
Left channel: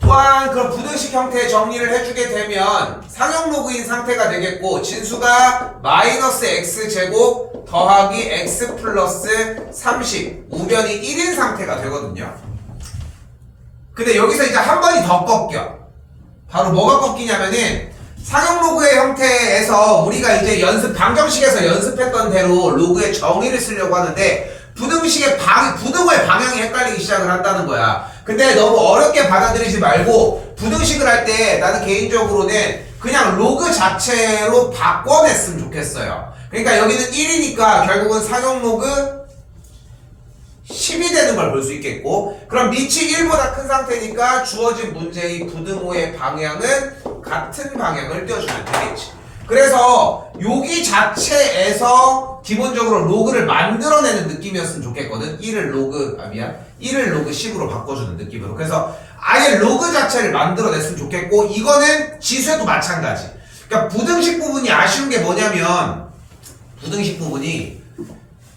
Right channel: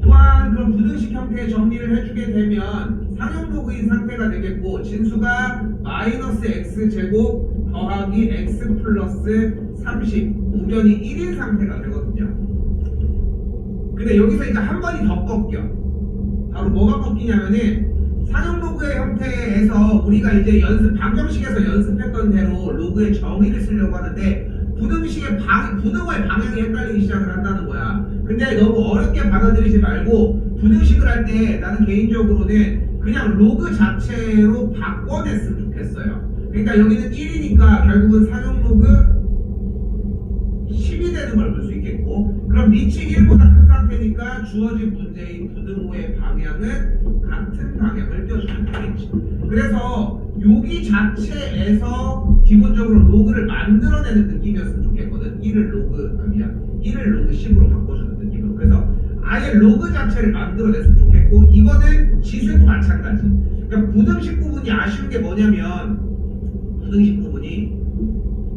또한 그런 부등식 형태의 정리를 해주게 되면 상형 로그인 상태가 되겠고, 진수가 마이너스 x 제곱 더하기 x 플러스 30 우변이 1인 상태가 되거든요. 근데 여기서 이제 한 번이 더 꺾여. 바로 뭐가 꺾이냐면은 상형 로그의 형태에서 우리가 이제 방정식에서 연습했던 대로 로그의 정의를 쓰려고 하는데 부등식의 부등호의 방향이 헷갈리기 시작을 한다는 거야. 근데 너무 어렵게 받아들이지 말고 부등식을 할 때 나는 개인적으로는 그냥 로그 자체로 바꿔냈으면 좋겠어요. 그러니까 여기는 1이니까 결국은 상형 로그 10이 되는 걸 볼 수 있겠고, 그럼 밑이 1보다 큰 상태니까 주어진 문제의 부등호의 방향은 같은 방향을 띄워주면 되겠지. 그래서 여기 자체에서 기본적으로 로그를 만들어내는 느낌이었으면 좋겠거든. 1을 로그 10으로 바꿔주는 느낌으로. 그래서 아예 로그 자체를 만들어냈으면 좋겠고, 이거는 지수에도 마찬가지. 그러니까 부등식 부분이 아쉬운 게 뭐냐면, 부등식 부분이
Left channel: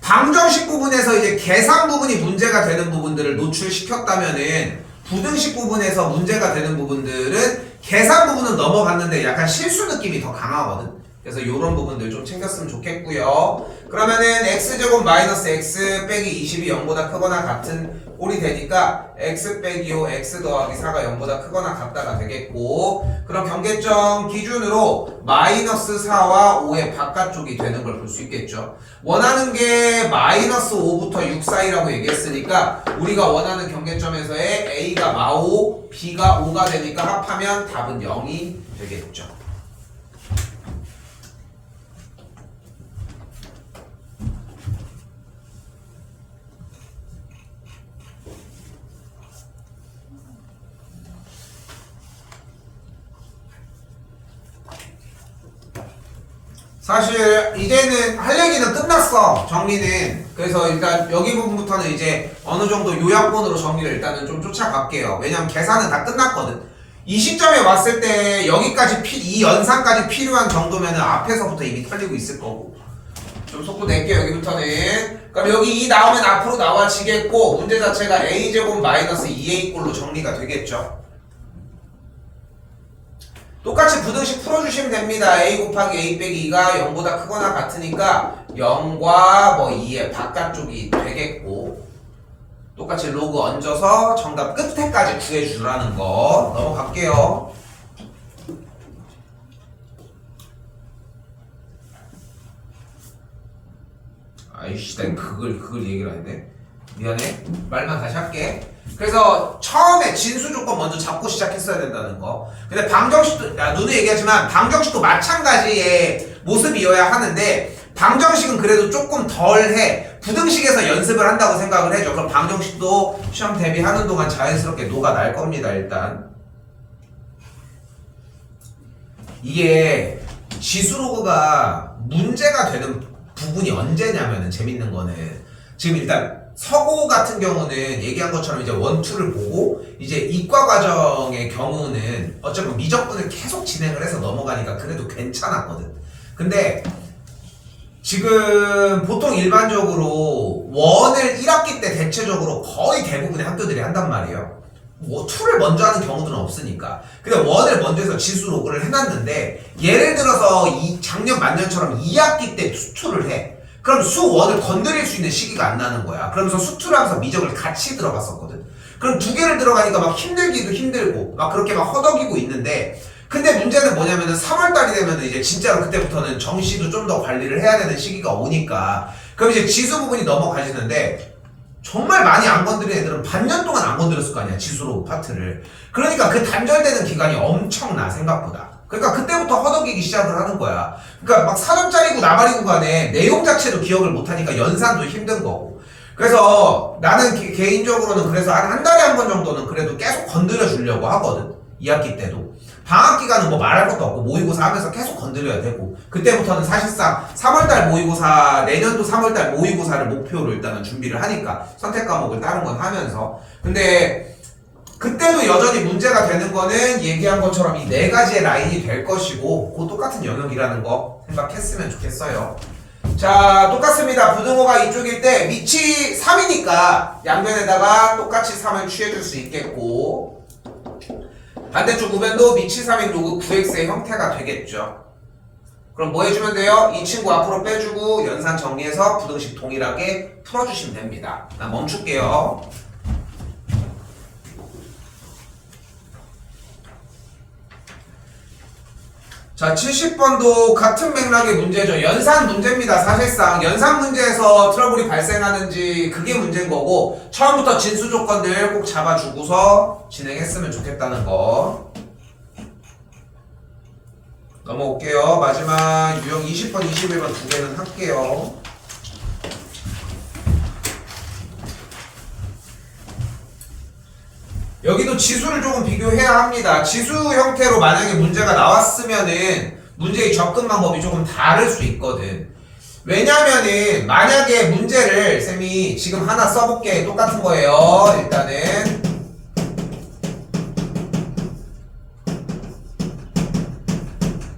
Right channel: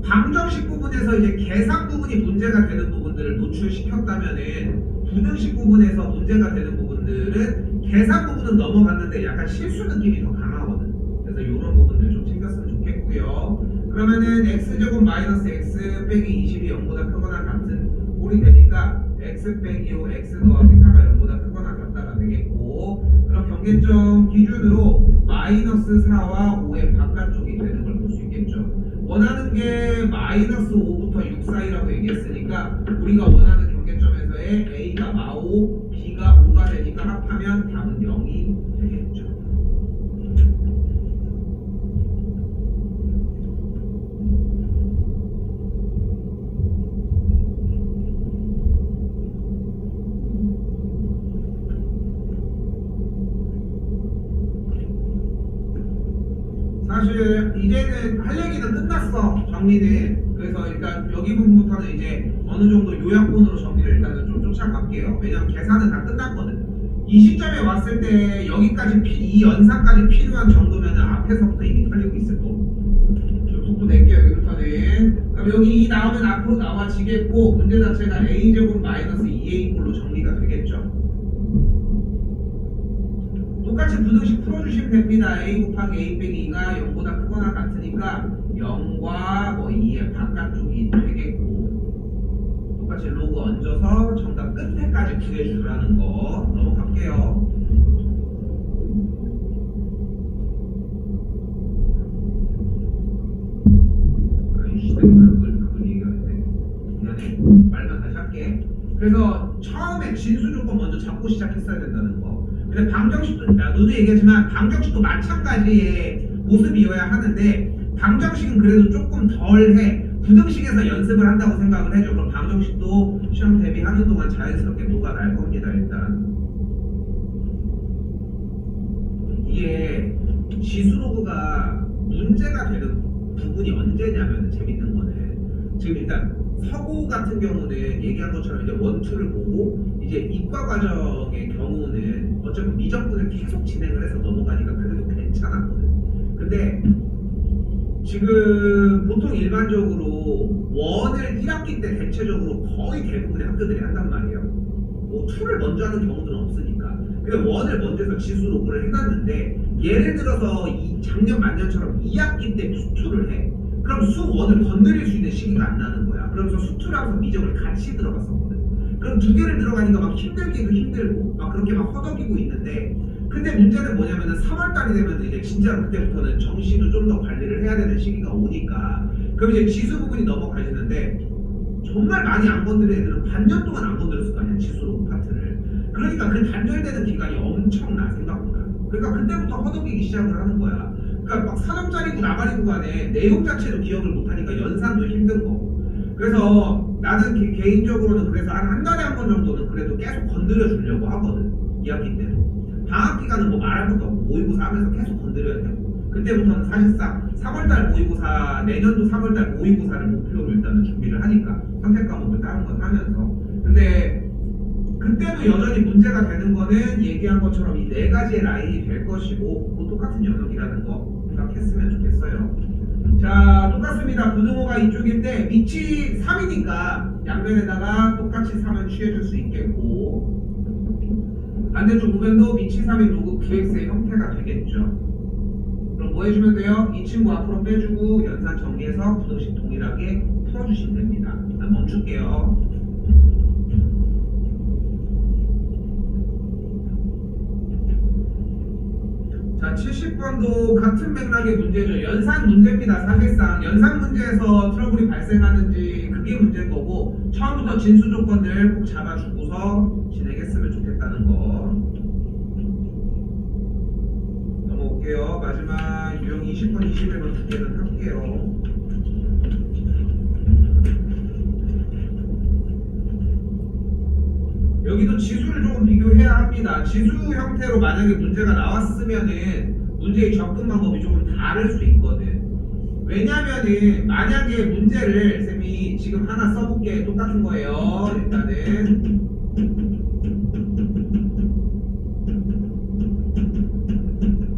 방정식 부분에서 이제 계산 부분이 문제가 되는 부분들을 노출시켰다면은 부등식 부분에서 문제가 되는 부분들은 계산 부분은 넘어갔는데 약간 실수 느낌이 더 강하거든. 그래서 이런 부분들 좀 챙겼으면 좋겠고요. 그러면은 x제곱 마이너스 x 빼기 20이 0보다 크거나 같은 꼴이 되니까 x 빼기 5 x 더하기 4가 0보다 크거나 같다가 되겠고, 그럼 경계점 기준으로 마이너스 4와 5의 바깥쪽이 되는 걸 볼 수 있겠죠. 원하는 게 마이너스 5부터 6 사이라고 얘기했으니까 우리가 원하는 경계점에서의 a가 마5 b가 5가 되니까 합하면 답은 0이 되겠죠. 사실 이제는 할 얘기는 끝났어. 정리는. 그래서 일단 여기 부분부터는 이제 어느 정도 요약본으로 정리를 일단은 좀 쫓아갈게요. 왜냐면 계산은 다 끝났거든. 이 시점에 왔을 때 여기까지 이 연산까지 필요한 정도면은 앞에서부터 이미 털리고 있을 거고. 좀 속도 낼게요. 여기부터는. 그럼 여기 2 나오면 앞으로 나와지겠고, 문제 자체가 a제곱 마이너스 2a꼴로 정리가 되겠죠. 똑같이 부등식 풀어주시면 됩니다. a 곱하기 a 빼기 2가 0보다 크거나 같으니까 0과 뭐 2의 바깥쪽이 되겠고, 똑같이 로그 얹어서 정답 끝에까지 구해주라는 거 넘어갈게요. 아이씨, 내가 그걸 얘기를 했네. 미안해. 말만 다시 할게. 그래서 처음에 진수 조건 먼저 잡고 시작했어야 된다는 거. 근데 방정식도, 너도 얘기하지만 방정식도 마찬가지의 모습이어야 하는데, 방정식은 그래도 조금 덜해. 부등식에서 연습을 한다고 생각을 해줘. 그럼 방정식도 시험 대비하는 동안 자연스럽게 녹아날 겁니다. 일단 이게 지수로그가 문제가 되는 부분이 언제냐면은, 재밌는 거는 지금 일단 서고 같은 경우는 얘기한 것처럼 이제 원투를 보고, 이제 이과 과정의 경우는 어차피 미적분을 계속 진행을 해서 넘어가니까 그래도 괜찮았거든. 근데 지금 보통 일반적으로 원을 1학기 때 대체적으로 거의 대부분의 학교들이 한단 말이에요. 뭐 2를 먼저 하는 경우들은 없으니까. 근데 원을 먼저 해서 지수 로그를 해놨는데, 예를 들어서 작년 만년처럼 2학기 때 수2를 해. 그럼 수1을 건드릴 수 있는 시기가 안 나는 거야. 그러면서 수2를 하면서 미적을 같이 들어갔었거든. 그럼 2개를 들어가니까 막 힘들기도 힘들고 막 그렇게 막 허덕이고 있는데, 근데 문제는 뭐냐면은 3월달이 되면 이제 진짜로 그때부터는 정시도 좀 더 관리를 해야 되는 시기가 오니까, 그럼 이제 지수 부분이 넘어가시는데, 정말 많이 안 건드린 애들은 반년 동안 안 건드렸을 거 아니야, 지수로 파트를. 그러니까 그 단절되는 기간이 엄청나, 생각보다. 그러니까 그때부터 허덕이기 시작을 하는 거야. 그러니까 막 4점짜리고 나발이고 간에 내용 자체도 기억을 못하니까 연산도 힘든 거고. 그래서 나는 개인적으로는 그래서 한 달에 한 번 정도는 그래도 계속 건드려 주려고 하거든. 2학기 때도. 방학 기간은 뭐 말할 것도 없고 모의고사 하면서 계속 건드려야 되고, 그때부터는 사실상 3월달 모의고사, 내년도 3월달 모의고사를 목표로 일단은 준비를 하니까 선택 과목을 다른 건 하면서. 근데 그때도 여전히 문제가 되는 거는 얘기한 것처럼 이 4가지의 라인이 될 것이고, 그 똑같은 영역이라는 거 생각했으면 좋겠어요. 자, 똑같습니다. 부등호가 이쪽일 때 밑이 3이니까 양변에다가 똑같이 3을 취해줄 수 있겠고, 반대쪽 우변도 밑이 3인 로그 9x의 형태가 되겠죠. 그럼 뭐 해주면 돼요? 이 친구 앞으로 빼주고 연산 정리해서 부등식 동일하게 풀어주시면 됩니다. 나 멈출게요. 자, 70번도 같은 맥락의 문제죠. 연산 문제입니다. 사실상 연산 문제에서 트러블이 발생하는지 그게 문제인 거고, 처음부터 진수 조건들 꼭 잡아주고서 진행했으면 좋겠다는 거. 넘어올게요. 마지막 유형 20번, 21번 두 개는 할게요. 여기도 지수를 조금 비교해야 합니다. 지수 형태로 만약에 문제가 나왔으면은 문제의 접근 방법이 조금 다를 수 있거든. 왜냐면은 만약에 문제를 쌤이 지금 하나 써볼게. 똑같은 거예요. 일단은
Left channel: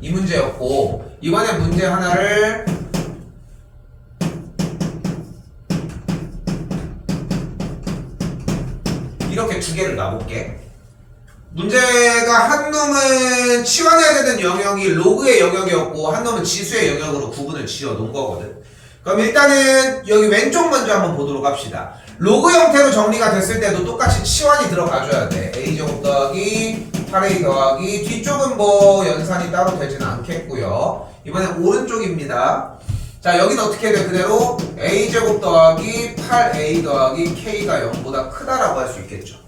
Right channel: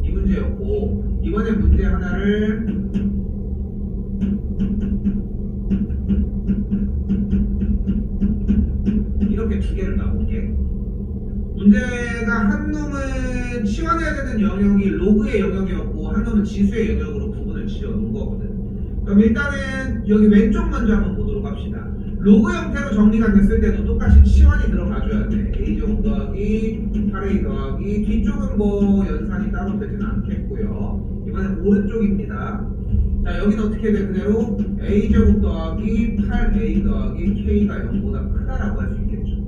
이 문제였고, 이번에 문제 하나를 이렇게 두 개를 놔볼게. 문제가 한 놈은 치환해야 되는 영역이 로그의 영역이었고, 한 놈은 지수의 영역으로 구분을 지어 놓은 거거든. 그럼 일단은 여기 왼쪽 먼저 한번 보도록 합시다. 로그 형태로 정리가 됐을 때도 똑같이 치환이 들어가줘야 돼. a제곱 더하기 8a 더하기, 뒤쪽은 뭐 연산이 따로 되지는 않겠고요. 이번엔 오른쪽입니다. 자, 여기는 어떻게 돼? 그대로 a제곱 더하기 8a 더하기 k가 0보다 크다라고 할 수 있겠죠.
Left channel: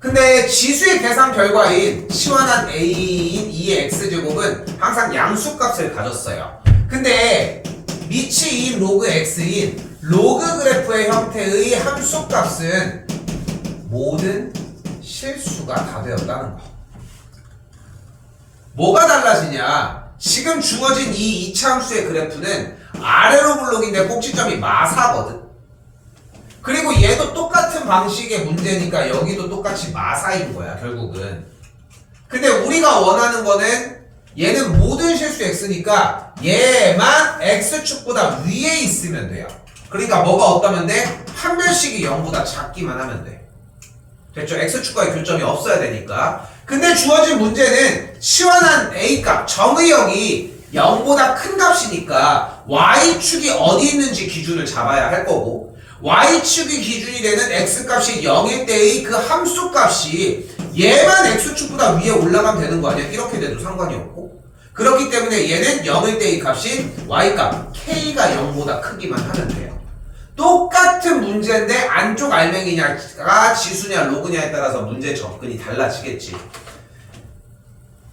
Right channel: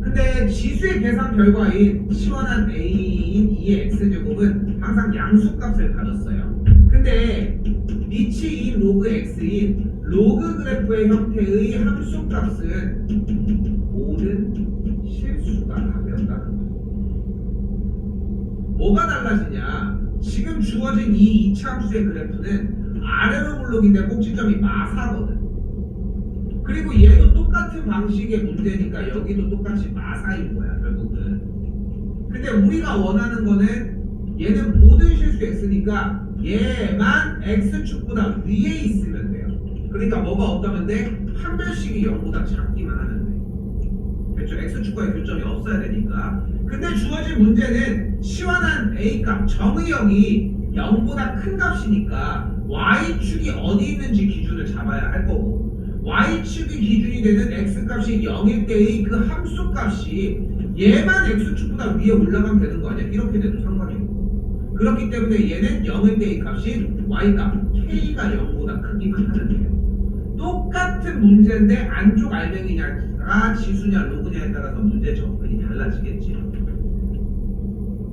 근데 지수의 계산 결과인 치환한 a인 2의 x제곱은 항상 양수값을 가졌어요. 근데 밑이 2인 로그 x인 로그 그래프의 형태의 함수값은 모든 실수가 다 되었다는 거. 뭐가 달라지냐? 지금 주어진 이 이차함수의 그래프는 아래로 블록인데 꼭지점이 마사거든. 그리고 얘도 똑같은 방식의 문제니까 여기도 똑같이 마사인 거야 결국은. 근데 우리가 원하는 거는 얘는 모든 실수 x니까 얘만 x축보다 위에 있으면 돼요. 그러니까 뭐가 없다면 돼? 판별식이 0보다 작기만 하면 돼. 됐죠? x축과의 교점이 없어야 되니까. 근데 주어진 문제는 시원한 a값 정의역이 0보다 큰 값이니까 y축이 어디 있는지 기준을 잡아야 할 거고, y축이 기준이 되는 x값이 0일 때의 그 함수값이 얘만 x축보다 위에 올라가면 되는 거 아니야? 이렇게 돼도 상관이 없고. 그렇기 때문에 얘는 0일 때의 값이 y값 k가 0보다 크기만 하면 돼요. 똑같은 문제인데 안쪽 알맹이냐가 지수냐 로그냐에 따라서 문제 접근이 달라지겠지.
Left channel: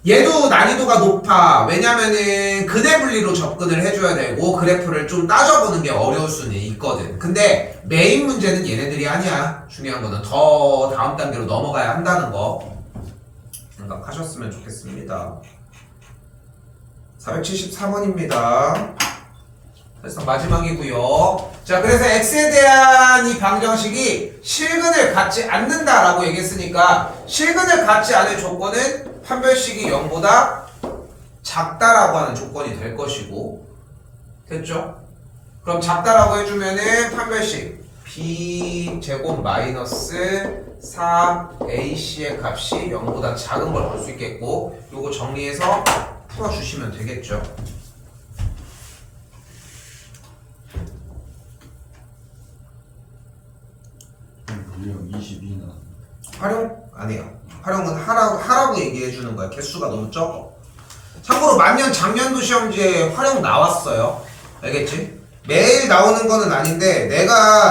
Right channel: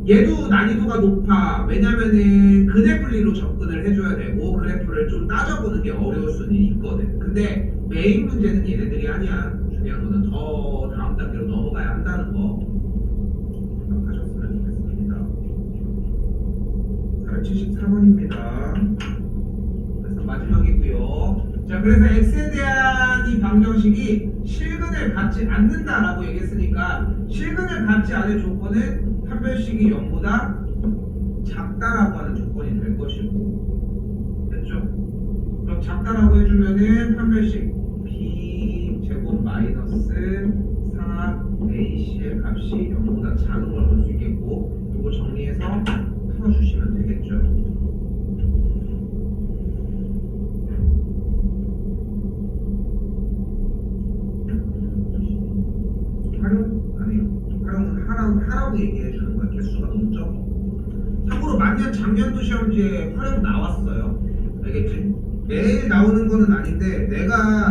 얘도 난이도가 높아. 왜냐면은 근해 분리로 접근을 해줘야 되고 그래프를 좀 따져보는 게 어려울 수는 있거든. 근데 메인 문제는 얘네들이 아니야. 중요한 거는 더 다음 단계로 넘어가야 한다는 거 생각하셨으면 좋겠습니다. 473번입니다. 그래서 마지막이고요. 자, 그래서 x에 대한 이 방정식이 실근을 갖지 않는다라고 얘기했으니까 실근을 갖지 않을 조건은 판별식이 0보다 작다라고 하는 조건이 될 것이고, 됐죠? 그럼 작다라고 해주면은 판별식 b제곱 마이너스 4ac의 값이 0보다 작은 걸 볼 수 있겠고, 요거 정리해서 풀어주시면 되겠죠. 활용? 아니에요. 활용은 하라고 얘기해 주는 거야. 개수가 너무 적어. 참고로 만년 작년도 시험지에 활용 나왔어요. 알겠지? 매일 나오는 거는 아닌데 내가